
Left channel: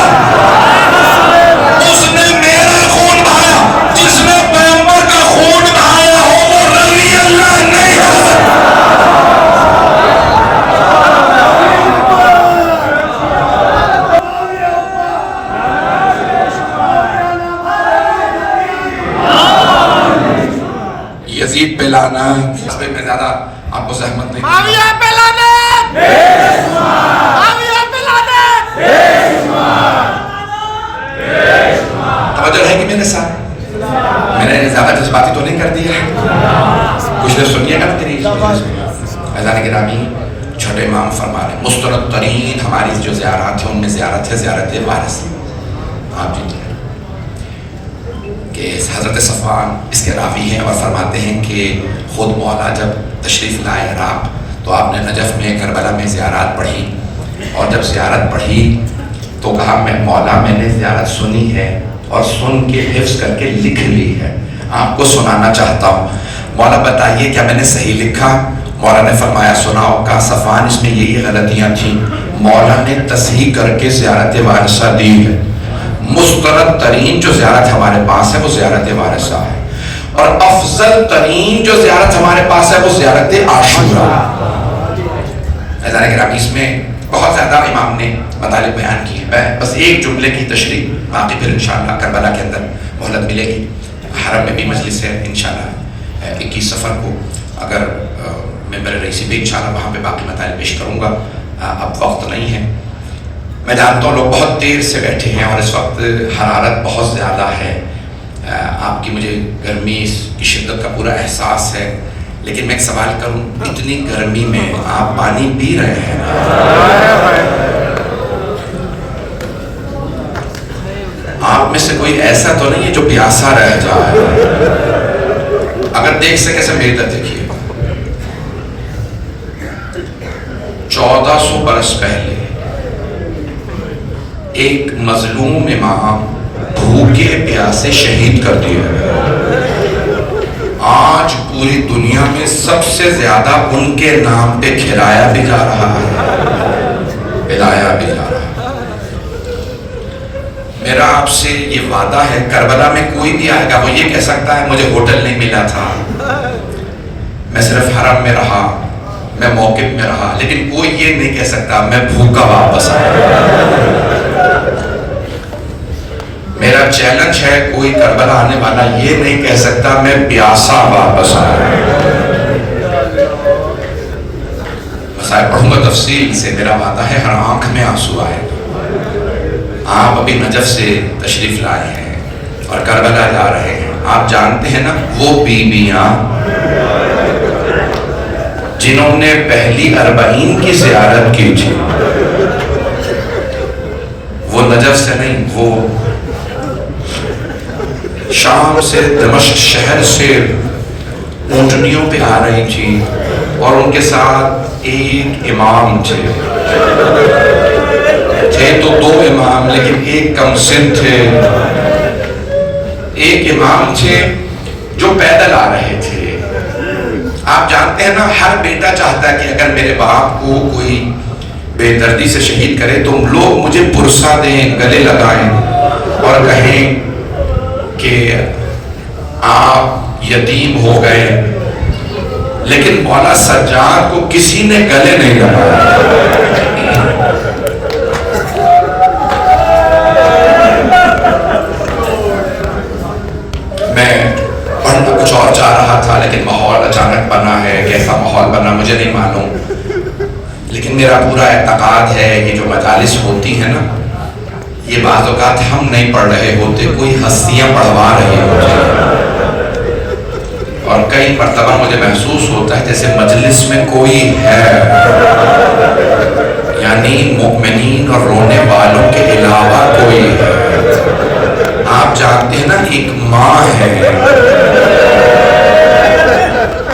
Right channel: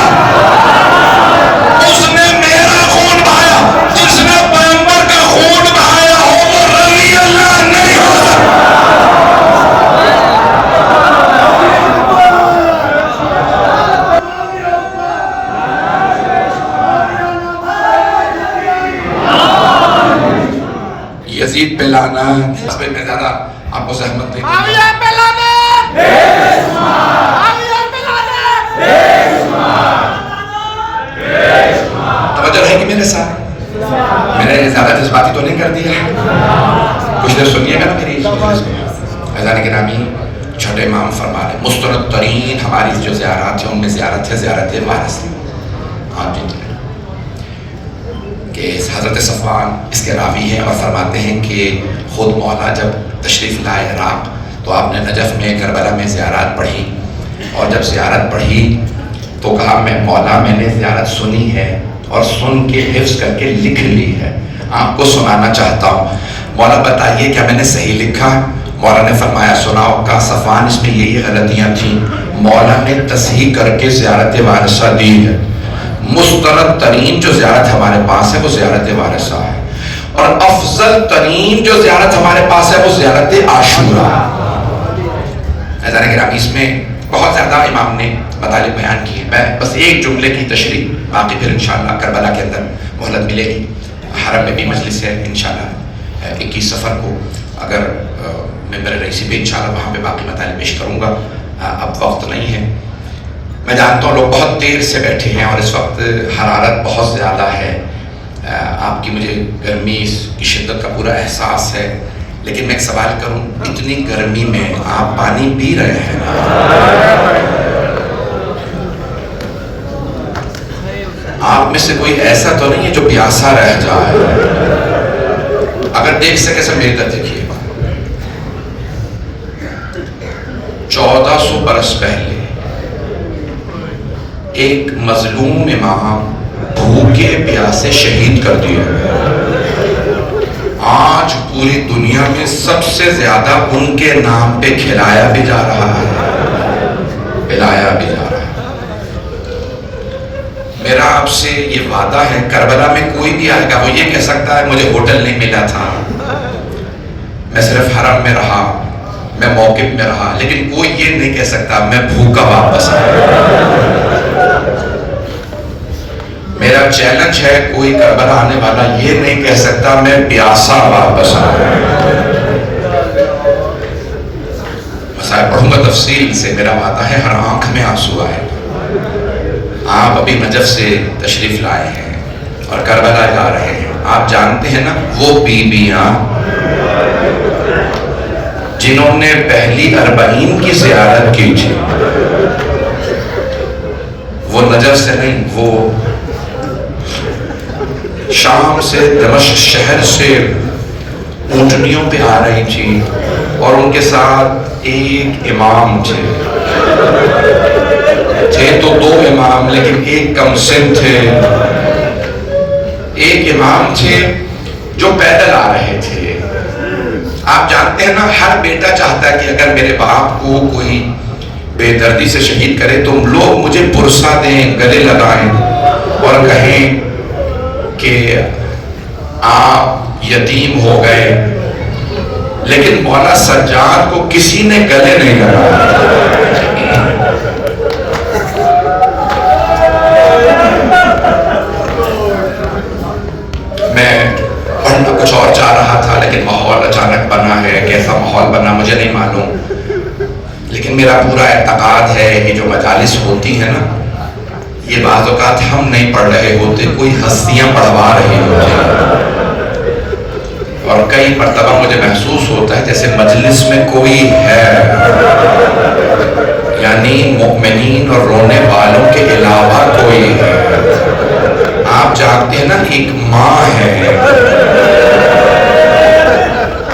اس نے میرا خون بہایا. جس نے پیغمبر کا خون بہایا ہو وہ رضی اللہ نہیں ہو سکتا. یزید پہ لعنت. اس پہ میں زیادہ آپ کو زحمت نہیں دوں گا. معاویہ پہ لعنت, معاویہ پہ لعنت. توجہ رہے گی میرے ساتھ, میں نے زیادہ جذباتی تو نہیں کر دیا, کچھ دیر سنیے گا نا میری. عزیزان گرامی, چھوٹے امام فرما رہے مسترد ترین ہماری جو زیارات ہیں ان میں زیارت ہے زیارت وارث. آپ جی کہ حضرت صفوان اس کے راوی ہیں اور فرماتے ہیں کہ خود مولا جب تشریف لائے عراق تو آپ نے نجف میں کربلا میں زیارات پڑھی, اور جب زیارت پڑھی تو کہا میں مولا میں نے زیارت سنی ہے اور سن کے حفظ کر کے لکھ لی ہے, آپ کو سنانا چاہتا ہوں. مولا بتائیے کیا میں نے صحیح لکھا؟ مولا نے فرمایا سناؤ. کہا صفوان اس میں یہی غلطیاں تھیں. مولا نے تصحیح کر کے زیارت وارثہ دی ہے. مسترد ترین جو زیارت ہمارے پاس ہے وہ زیارت وارثہ ہے, اور افضل ترین جو زیارت ہمارے پاس ہے وہ زیارت عاشورہ. عزیزان گرامی, اس میں بہت زیادہ امام نے مطالب بیان کی ہے, بس ایک جملے کی تشریح, باقی پھر انشاءاللہ کربلا کے اندر مہلت ملے گی. حرم میں بھی مجلس ہے انشاءاللہ 21 صفر کو, اگر ممبر رئیسی پہ انشاءاللہ وہاں پہ باقی مطالب پیش کروں گا. اب وقت نہیں ہے, میں جانتا ہوں لوگ بہت دیر سے بیٹھے ہیں اور اس وقت حرارت بہت زیادہ ہے. آپ کی مجھے گرمی کی شدت کا پورا احساس ہے, لیکن میں ایک سوال کروں, اتنی گرمی میں آپ پانی پی رہے ہیں؟ آپ میں سے کوئی ایسا تو نہیں ہے جو پیاسا رہ جائے؟ اگر دیکھ سکے سے میری طرف دیکھیے. 1400 برس پہلے ایک مظلوم امام بھوکے پیاسے شہید کر دیا. آج پوری دنیا میں سب سے زیادہ ان کے نام پہ کھلایا بھی جا رہا ہے, پلایا بھی جا رہا ہے. میرا آپ سے یہ وعدہ ہے, کربلا میں کوئی بھی آئے گا وہ یہ کہہ سکتا ہے مجھے ہوٹل نہیں ملا تھا, میں صرف حرم میں رہا, میں موقف میں رہا, لیکن کوئی یہ نہیں کہہ سکتا میں بھوکا واپس آیا. میرا چیلنج ہے, کوئی کربلا آنے والا یہ نہیں کہہ سکتا میں پیاسا واپس آیا. مسائل پڑھوں گا تفصیل سے, میرا وعدہ ہے ہر آنکھ میں آنسو آئے. آپ ابھی نجف سے تشریف لائے ہیں اور کربلا جا رہے ہیں, آپ جانتے ہیں نا وہ بیویاں جنہوں نے پہلی 40 کی زیارت کی تھی، وہ نجف سے نہیں، وہ شام سے دمشق شہر سے اونٹنیوں پہ آ رہی تھی، اور ان کے ساتھ ایک امام تھے تو 2 امام، لیکن ایک کم سن تھے، ایک امام تھے جو پیدل آ رہے تھے۔ آپ جانتے ہیں نا ہر بیٹا چاہتا ہے کہ اگر میرے باپ کو کوئی بے دردی سے شہید کرے تو لوگ مجھے پرسہ دیں، گلے لگائیں اور کہیں کہ آپ یتیم ہو گئے، لیکن مولا سجاد کو کسی نے گلے نہیں لگایا۔ میں پڑھنا کچھ اور چاہ رہا تھا، لیکن ماحول اچانک بنا ہے، کیسا ماحول بنا مجھے نہیں معلوم، لیکن میرا پورا اعتقاد ہے یہ جو مجالس ہوتی ہیں نا، یہ بعض اوقات ہم نہیں پڑھ رہے ہوتے، کوئی ہستیاں پڑھوا رہی ہوتی ہیں، اور کئی مرتبہ مجھے محسوس ہوتا ہے جیسے مجلس میں کوئی ہے، یعنی مؤمنین اور رونے والوں کے علاوہ کوئی ہے۔ آپ جانتے ہیں نا ایک ماں ہے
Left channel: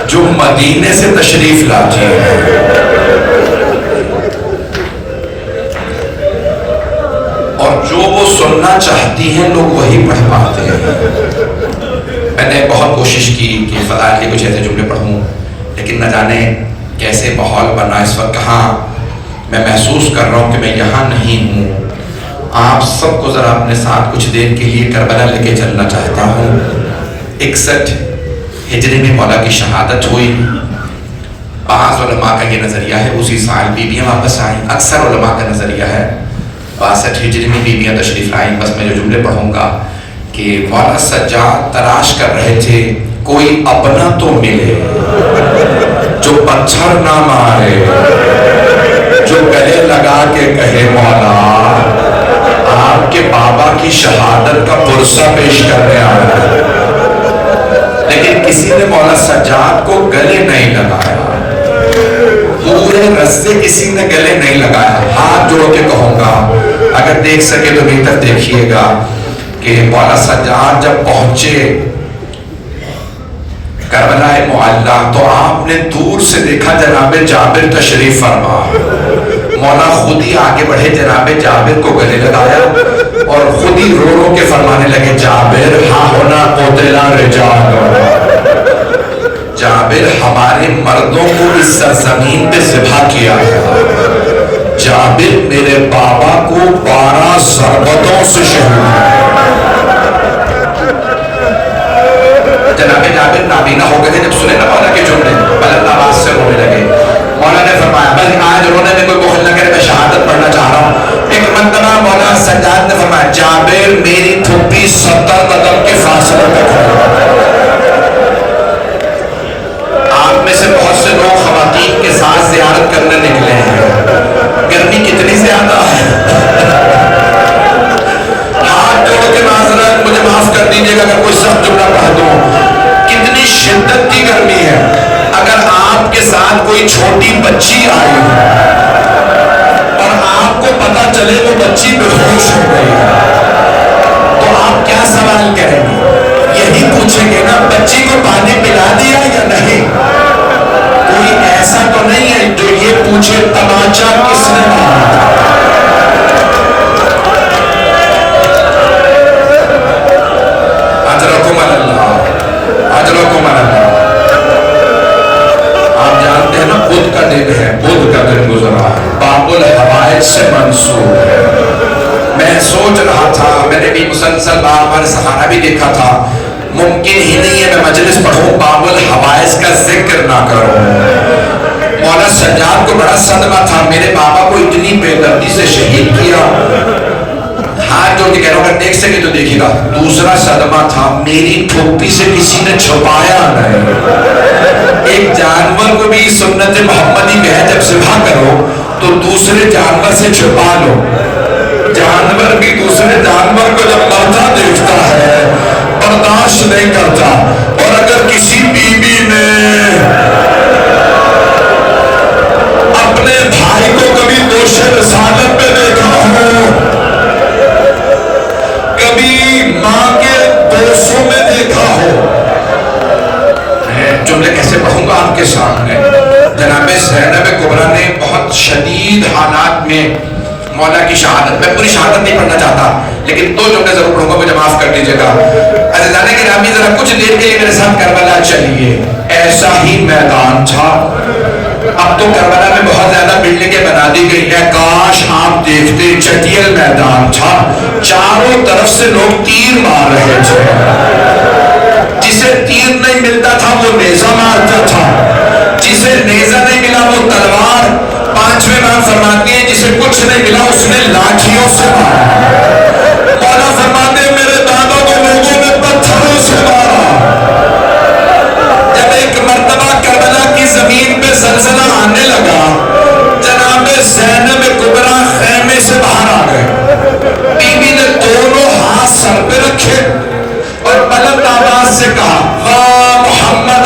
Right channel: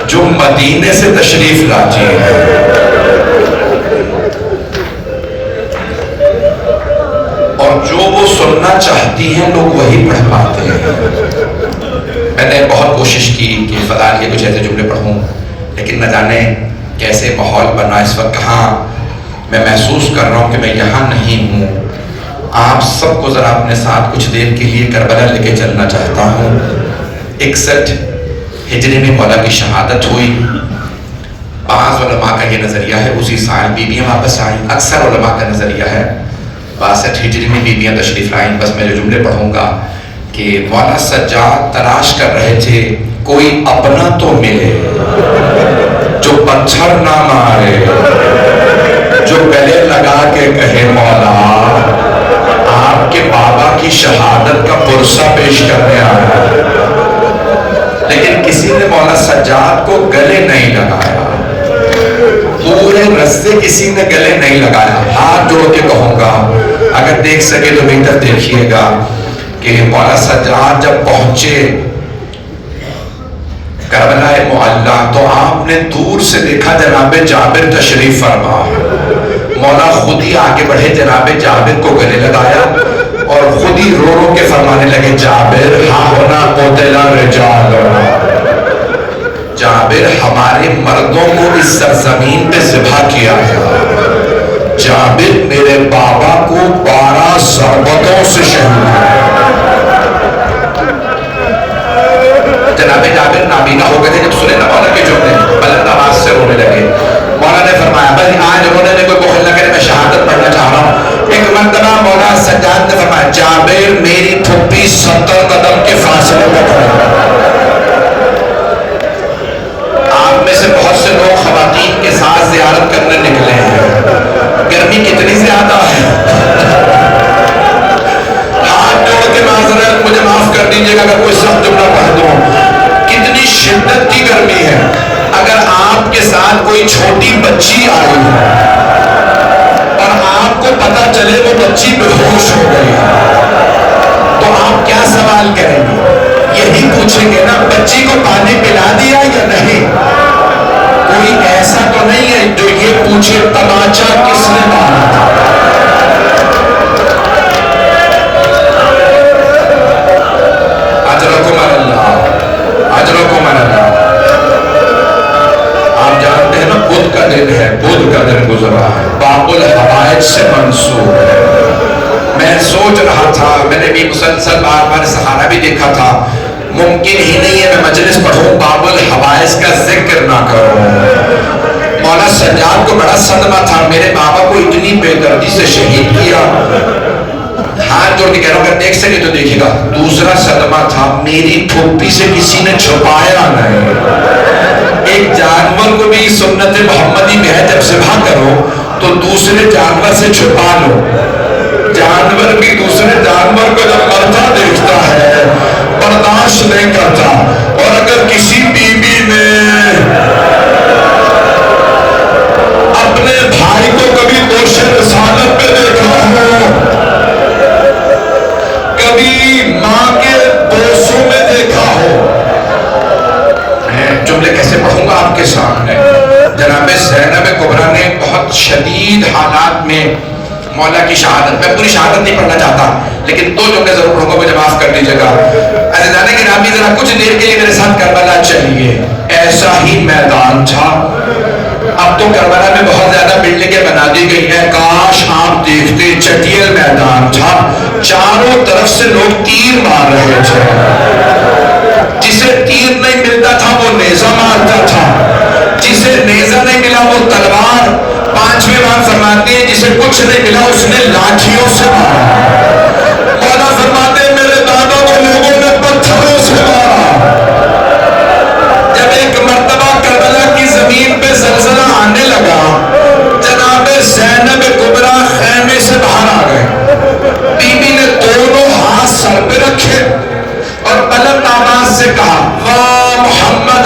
جو مدینے سے تشریف لاتی ہے، اور جو وہ سننا چاہتی ہیں لوگ وہی پڑھ پاتے ہیں۔ میں نے بہت کوشش کی کہ فضائل کے کچھ ایسے جملے پڑھوں، لیکن نہ جانے کیسے ماحول بنا اس وقت، کہاں میں محسوس کر رہا ہوں کہ میں یہاں نہیں ہوں۔ آپ سب کو ذرا اپنے ساتھ کچھ دیر کے لیے کربلا لے کے چلنا چاہتا ہوں۔ 61 ہجری میں مولا کی شہادت ہوئی۔ بعض علماء کا یہ نظریہ ہے اسی سال بیویاں واپس آئیں، اکثر علماء کا نظریہ ہے 62 ہجری میں بیویاں تشریف لائیں۔ بس میں جو جملے پڑھوں گا کہ مولا سجاد تلاش کر رہے تھے کوئی اپنا تو ملے جو پتھر نہ مارے، جو گلے لگا کے کہے مولا آپ کے بابا کی شہادت کا پرسہ پیش کرنے آیا، لیکن کسی نے مولا سجاد کو گلے نہیں لگایا، پورے رستے کسی نے گلے نہیں لگایا۔ ہاتھ جوڑ کے کہوں گا اگر دیکھ سکے تو بہتر دیکھیے گا کہ مولا سجاد جب پہنچے کربلا معلی تو آپ نے دور سے دیکھا جناب جابر تشریف فرما، مولا خود ہی آگے بڑھے، جناب جابر کو گلے لگایا اور خود ہی رو رو کے فرمانے لگے جابر ہاں ہونا قتل رجال، جابر ہمارے مردوں کو اس سرزمین پہ ذبح کیا گیا، جابر میرے بابا کو 12 ضربتوں سے شہید کیا۔ جناب جابر نابینا ہو گئے تھے، جب سنے نا مولا کے جملے بلند آواز سے رونے لگے۔ مولا نے فرمایا بس آج رونے میں کوئی بخل نہ کرے، میں شہادت پڑھنا چاہ رہا ہوں۔ ایک مرتبہ مولا سجاد نے فرمایا جابر میری پھپھی 70 قدم کے فاصلے پہ کھڑی۔ آپ میں سے بہت سے لوگ خواتین کے ساتھ زیارت کرنے نکلے ہیں، گرمی کتنی زیادہ ہے، ہاتھ جوڑ کے معذرت مجھے معاف کر دیجیے گا اگر کوئی سخت جملہ پڑھ دوں، کتنی شدت کی گرمی ہے۔ اگر آپ کے ساتھ کوئی چھوٹی بچی آئی اور آپ کو پتا چلے وہ بچی بے ہوش ہو گئی ہے تو آپ کیا سوال کریں گے؟ یہی پوچھیں گے نا بچی کو پانی پلا دیا یا نہیں؟ کوئی ایسا تو نہیں ہے جو یہ پوچھے تماچا کس نے مارا تھا؟ اجرکم اللہ، اجرکم اللہ۔ آپ جانتے ہیں نا بدھ کا دن ہے، بدھ کا دن گزرا ہے، باب الحوائج سے منسوب ہے۔ میں سوچ رہا تھا، میں نے بھی مسلسل بار بار سہارا بھی دیکھا تھا، ممکن ہی نہیں ہے میں مجلس پڑھوں باب الحوائج کا ذکر نہ کروں۔ مولا سجاد کو بڑا صدمہ تھا، میرے بابا کو اتنی بے دردی سے شہید کیا۔ ہاتھ جوڑ کے کہہ رہا ہوں اگر دیکھ سکے تو دیکھے گا۔ دوسرا صدمہ تھا میری پھوپھی سے کسی نے چھپایا نہیں۔ ایک جانور کو بھی سنت محمدی میں ہے جب ذبح کرو تو دوسرے جانور سے چھپا لو۔ جانور بھی دوسرے جانور کو جب مرتا دیکھتا ہے برداشت نہیں کرتا. اور اگر کسی بیوی نے اپنے بھائی کو کبھی دوش رسالت میں دیکھا ہو، کبھی ماں کے دوستوں میں دیکھا ہو، میں جملے کیسے پڑھوں گا آپ کے سامنے. جناب زینب کبریٰ نے بہت شدید حالات میں مولا کی شہادت، میں پوری شہادت نہیں پڑھنا چاہتا لیکن 2 جملے ضرور پڑھوں گا، مجھے معاف کر دیجیے گا. عزیزان گرامی ذرا کچھ دیر کے لیے میرے ساتھ کربلا چلیے. ایسا ہی میدان تھا. اب تو کربلا میں بہت زیادہ بلڈنگیں بنا دی گئی ہیں، کاش آپ دیکھتے چٹیل میدان تھا. چاروں طرف سے لوگ تیر مار رہے تھے. جسے تیر نہیں ملتا تھا وہ نیزہ مارتا تھا، جسے نیزہ نہیں ملا وہ تلوار. 5ویں امام فرماتے ہیں جسے کچھ نہیں ملا اس نے لاٹھیوں سے مارا. مولا فرماتے ہیں میرے دادا کو لوگوں نے پتھروں سے مارا. جب ایک مرتبہ کربلا کی زمین پہ زلزلہ آنے لگا، جناب زینب کبریٰ خیمے سے باہر آ گئے. بی بی نے دونوں ہاتھ سر پہ رکھے اور بلند آواز سے کہا واہ محمد،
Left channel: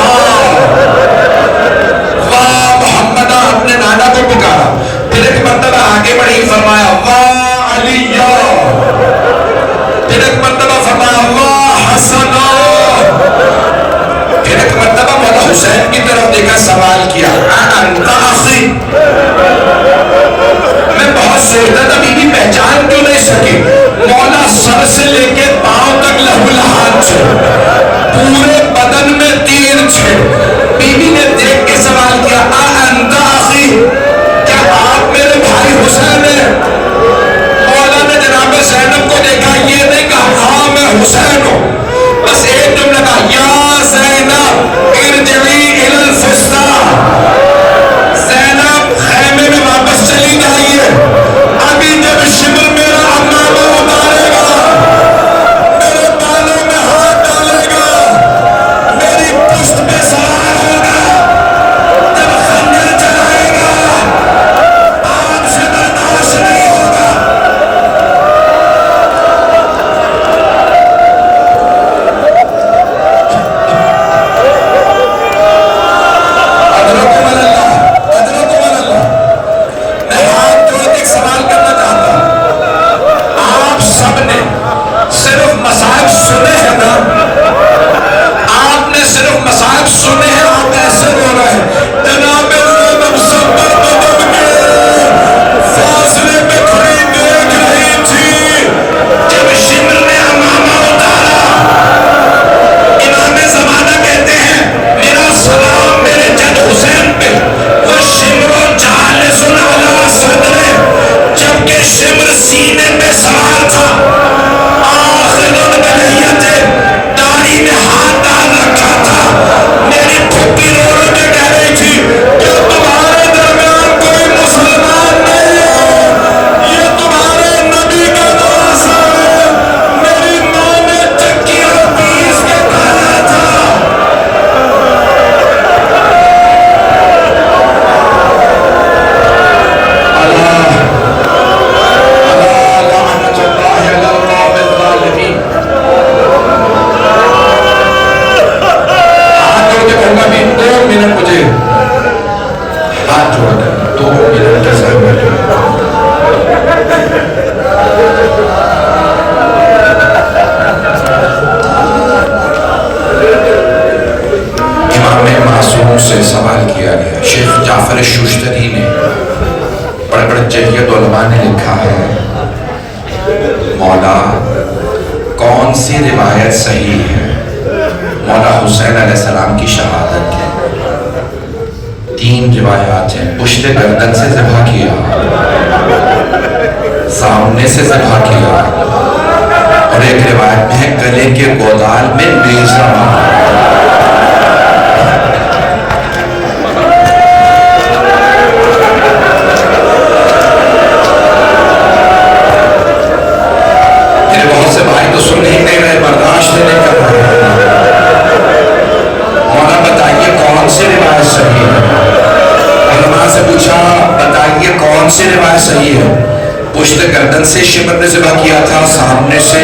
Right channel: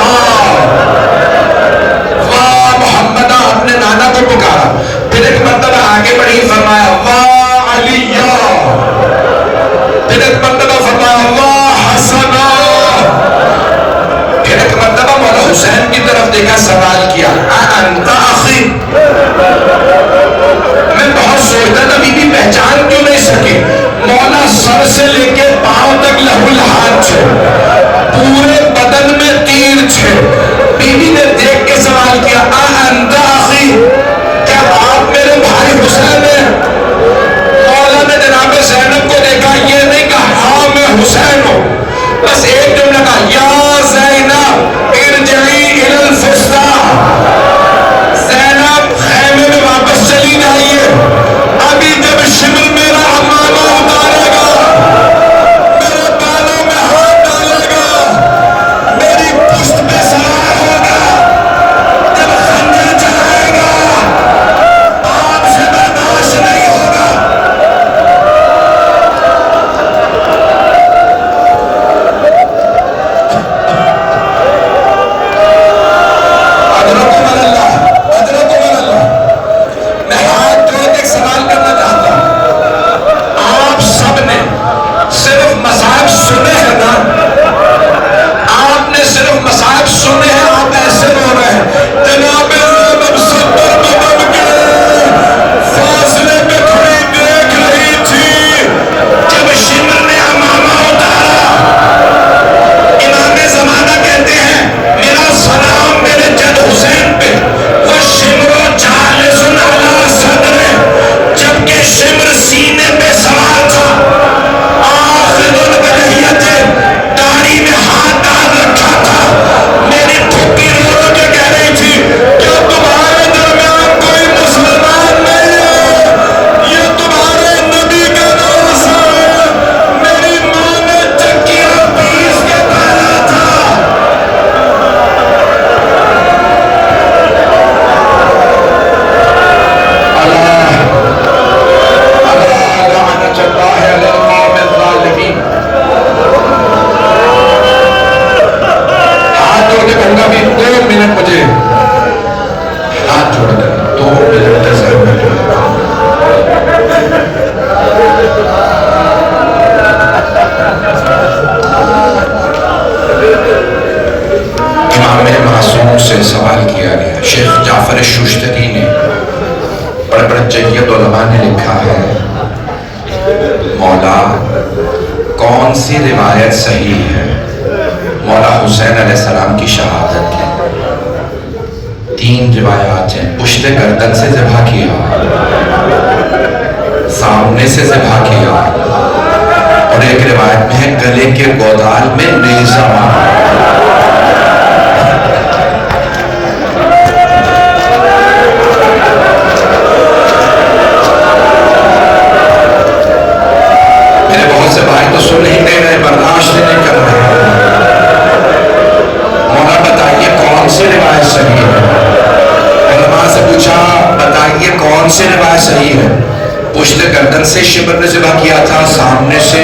واہ محمد. اپنے نانا کو پکارا. پھر ایک مرتبہ آگے بڑھی، فرمایا واہ علی. پھر ایک مرتبہ فرمایا واہ حسن. پھر ایک مرتبہ مولا حسین کی طرف دیکھا، سوال کیا انت اخی. میں بہت سوچتا تھا بی بی پہچان کیوں نہیں سکی. مولا سر سے لے کے پاؤں تک لہو لہان تھے، پورے بدن میں تیر تھے. بی بی نے دیکھ کے سوال کیا انت اخی، کیا آپ میرے بھائی حسین ہیں؟ مولا نے جناب زینب کو دیکھا، یہ نہیں کہا ہاں میں حسین ہوں، بس ایک جملہ کہا یا زینب ارجعی الی الفسطیٰ. زینب خیمے میں واپس چلی جائیے. ابھی جب شمر میرا عمامہ اتارے گا، میرے بالوں میں ہاتھ ڈالے گا، میری پشت پہ سوار ہوگا، جب خنجر چلائے گا آپ سے برداشت نہیں ہوگا. ادرکم اللہ، ادرکم اللہ. میں ہاتھ جوڑ کے ایک سوال کرنا چاہتا ہوں. آپ سب نے صرف مصائب سنے ہیں نا؟ آپ نے صرف مصائب سنے ہیں، آپ ایسے ہو رہے ہیں. جناب زینب ستر بدن کے فاصلے پہ کھڑی دیکھ رہی تھی جب شمر نے عمامہ اتارا. امام زمانہ کہتے ہیں میرا سلام میرے جد حسین پہ، وہ شمر جالس علی صدرے، جبکہ شمر سینے پہ سوار تھا. آخر البلیت داڑھی میں ہاتھ ڈال رکھا تھا. میری پھوپھی رو رو کے کہہ رہی تھی کہ تمہارے درمیان کوئی مسلمان نہیں ہے، یہ تمہارے نبی کا نواسہ ہے. میری ماں نے چکیاں پیس کے ڈالا تھا. ہاتھ جوڑ کے کہوں گا بھی 2 منٹ مجھے ہاتھ جوڑ کے 2 منٹ امام معصوم سے سوال کیا گیا. شیخ جعفر شوشتری نے، بڑے بڑے جلیت علماء نے لکھا ہے مولا کون سی روایت صحیح ہے مولا حسین علیہ السلام کی شہادت کی. 3 روایات ہیں. پشت گردن سے ذبح کیا، سامنے سے ذبح کیا، اور ایک روایت میں ہے گلے کے گودال میں نیزہ مارا. میرے بہت سے بھائی تو سن نہیں رہے، برداشت نہیں کر رہے. مولا بتائیے کون سی روایت صحیح ہے؟ علماء سے پوچھا بتائیے کون سی روایت صحیح ہے؟ پشت گردن سے شمر نے ذبح کیا تھا، سامنے سے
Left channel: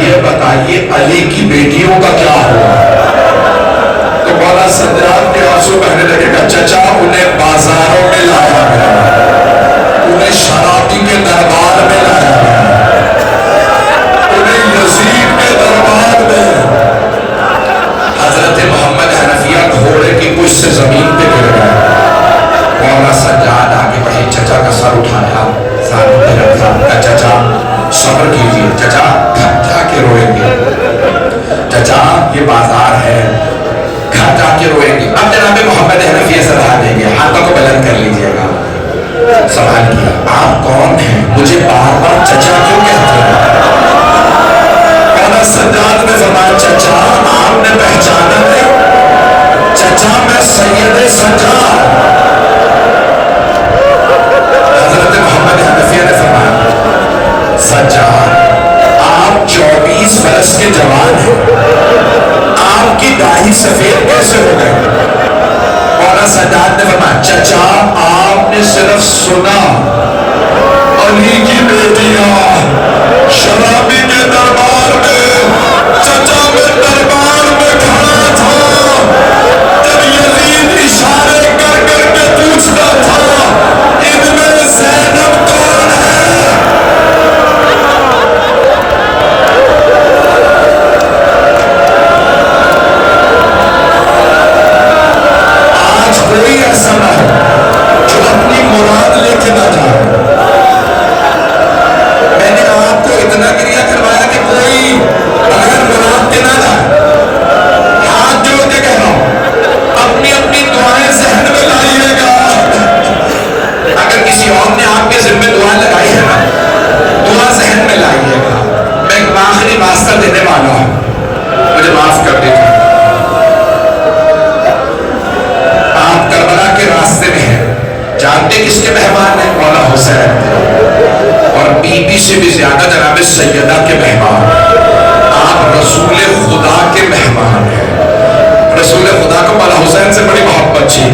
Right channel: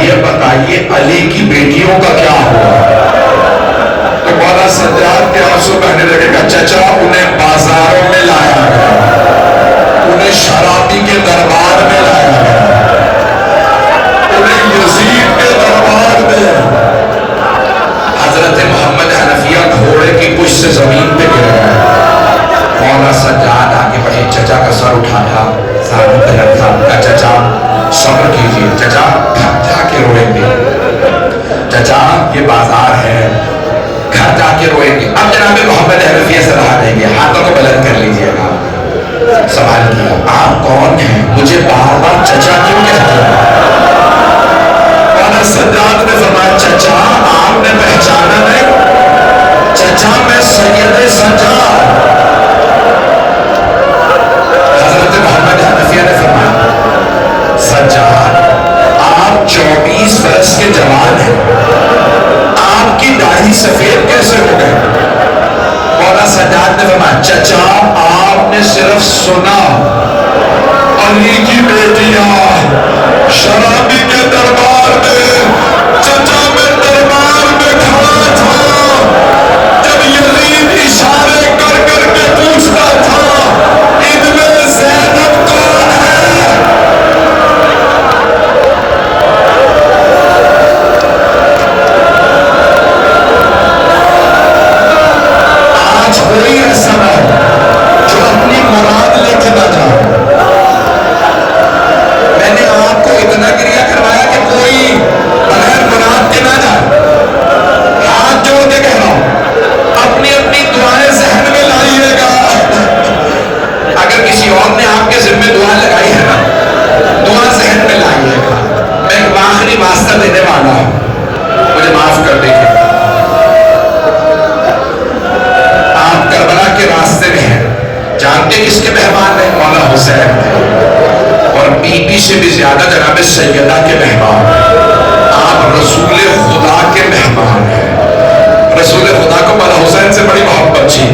یہ بتائیے علی کی بیٹیوں کا کیا ہوا؟ تو مولا سجاد کے آنسو بہنے لگے گا، چچا انہیں بازاروں میں لایا گیا، انہیں شرابی کے دربار میں لایا گیا، انہیں یزید کے دربار میں۔ حضرت محمد حنفیہ گھوڑے کی کچھ سے زمین پہ گر گئے، مولا سجاد آگے بڑھے، چچا کا سر اٹھایا، زانوں پہ رکھا، کہا چچا صبر کیجئے، چچا گھر جا کے روئیں گے، چچا یہ بازار ہے، گھر جا کے روئیں گے۔ اب جناب محمد حنفیہ سے رہا دیں گے، ہاتھوں کو بلند کر لیجئے گا۔ سوال کیا، آپ کون ہیں؟ مجھے بار بار چچا کیوں کہتے ہیں؟ مولا سجاد نے فرمایا، چچا آپ نے پہچانا نہیں؟ چچا میں سید سجاد۔ حضرت محمد حنفیہ نے فرمایا، سجاد آپ 24 برس کے جوان ہیں، آپ کی داڑھی سفید کیسے ہو گئے؟ مولا سجاد نے فرمایا، چچا آپ نے صرف سنا علی کی بیٹیاں شرابی کے دربار میں، چچا میں دربار میں کھڑا تھا، جب یزید اشارے کر کر کے پوچھتا تھا ان میں زینب کون ہے؟ آج کوئی ایسا نہ ہو جو اپنی مراد لے کے نہ جائے۔ میں نے آپ کو اتنا گریہ کروایا کہ کوئی بغیر مراد کے نہ جائے۔ ہاتھ جوڑ کے کہہ رہا ہوں، اپنی اپنی دعائیں ذہن میں لائیے گا۔ اگر کسی اور نے آپ کے ذمہ دعا لگائی ہے نا، دعا ذہن میں لائیے گا۔ میں ایک آخری واسطہ دینے والا ہوں، مجھے معاف کر دیجیے۔ آپ کربلا کے راستے میں ہیں، جانتے کس کے مہمان ہیں؟ مولا حسین تھے، اور بی بی سے بھی زیادہ جناب سیدہ کے مہمان۔ آپ رسول خدا کے مہمان ہیں، رسول خدا کو مولا حسین سے بڑی محبت تھی۔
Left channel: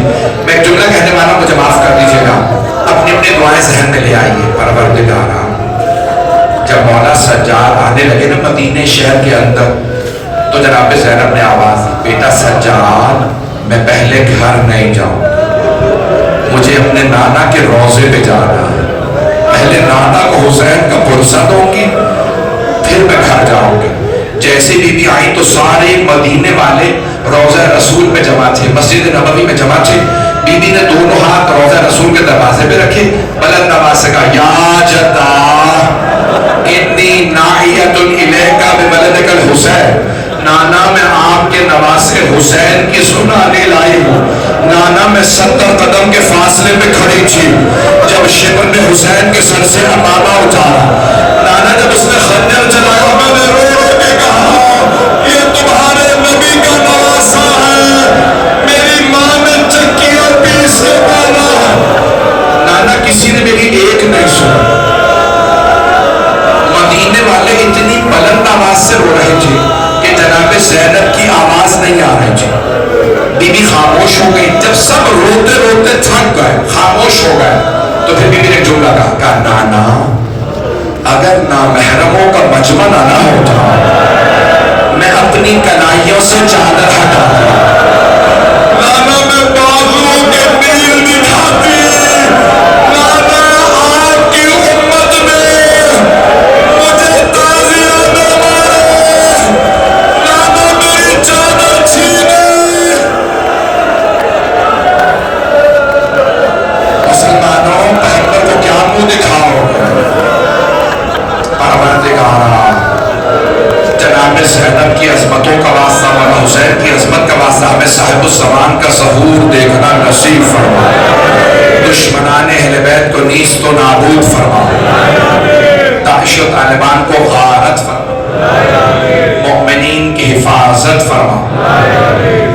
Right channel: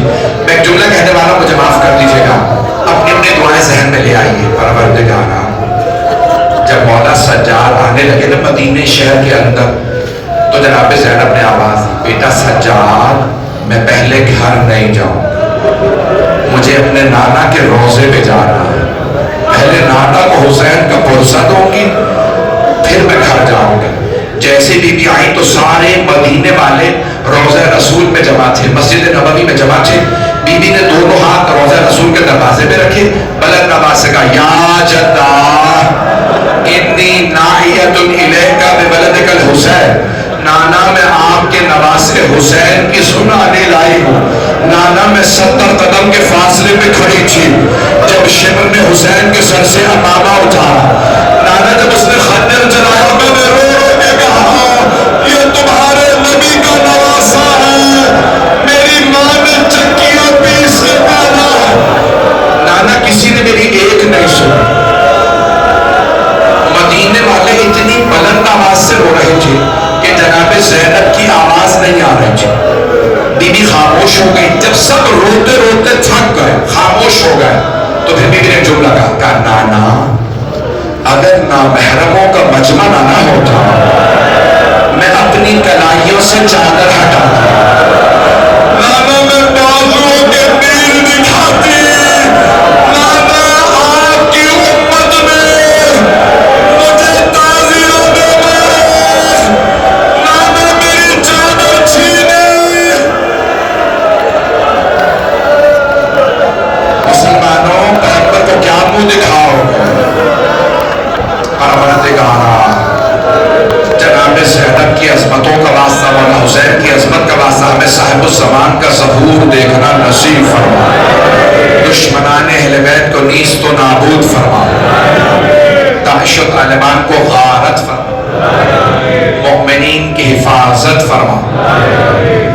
میں ایک جملہ کہنے والا ہوں، مجھے معاف کر دیجیے گا۔ اپنی اپنی دعائیں ذہن میں لے آئیے۔ پروردگارا، جب مولا سجاد آنے لگے نا مدینہ شہر کے اندر، تو جناب زینب نے آواز دی، بیٹا سجاد میں پہلے گھر نہیں جاؤں، مجھے اپنے نانا کے روضے پہ جانا ہے، پہلے نانا کو حسین کا پرسہ دوں گی، پھر میں گھر جاؤں گی۔ جیسے بی بی آئی تو سارے مدینے والے روضہ رسول میں جمع تھے، مسجد نبوی میں جمع تھے۔ بی بی نے دونوں ہاتھ روضہ رسول کے دروازے پہ رکھے، بلند آواز سے کہا، یا جدہ انی ناحیۃ الیک بولدک الحسین، نانا میں آپ کے نواسے حسین کی سنانے لائی ہوں۔ نانا میں 70 قدم کے فاصلے پہ کھڑی تھی جب شبر نے حسین کے سر سے امامہ اٹھایا۔ نانا جب اس نے خنجر چلایا، میں نے رو رو کے کہا، یہ تمہارے نبی کا نواسا ہے، میری ماں نے چکیوں پیس کے پالا ہے۔ نانا کسی نے میری ایک نہیں سنی۔ مدینے والے اتنی بلند آواز سے رو رہے تھے کہ جناب زینب کی آواز نہیں آ رہی تھی۔ بی بی خاموش ہو گئی۔ جب سب روتے روتے تھک گئے، خاموش ہو گئے، تو پھر بی بی نے جملہ کہا، نانا اگر نامحرموں کا مجمع نہ ہوتا، میں اپنی کلائیوں سے چادر ہٹاتا، نانا میں بازو کے تیر دکھاتی، نانا آپ کی امت میں مجھے تعزیہ دینا، نانا میری چادر چھینی۔ مسلمانوں، پیغمبر کو کیا منہ دکھاؤ گے؟ پروردگارا، جناب زینب کی عظمتوں کا واسطہ، مولا حسین کی عظمت کا واسطہ، ہمیں صاحب الزمان کا ظہور دیکھنا نصیب فرما، دشمنان اہل بیت کو نیست و نابود فرما، داعش و طالبان کو غارت فرما، مؤمنین کی حفاظت فرما۔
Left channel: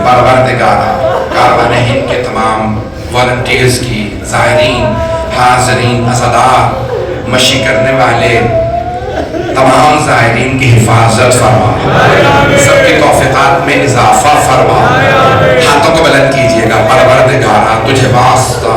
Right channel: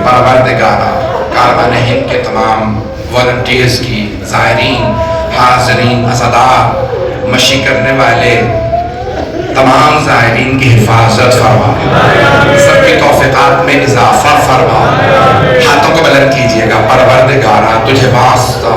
پروردگارا، کاروان ہند کے تمام والنٹیئرز کی، زائرین، حاضرین، عزادار، مشی کرنے والے تمام زائرین کی حفاظت فرما، سب کی توفیقات میں اضافہ فرما۔ ہاتھوں کو بلند کیجئے گا۔ پروردگارا، تجھے واسطہ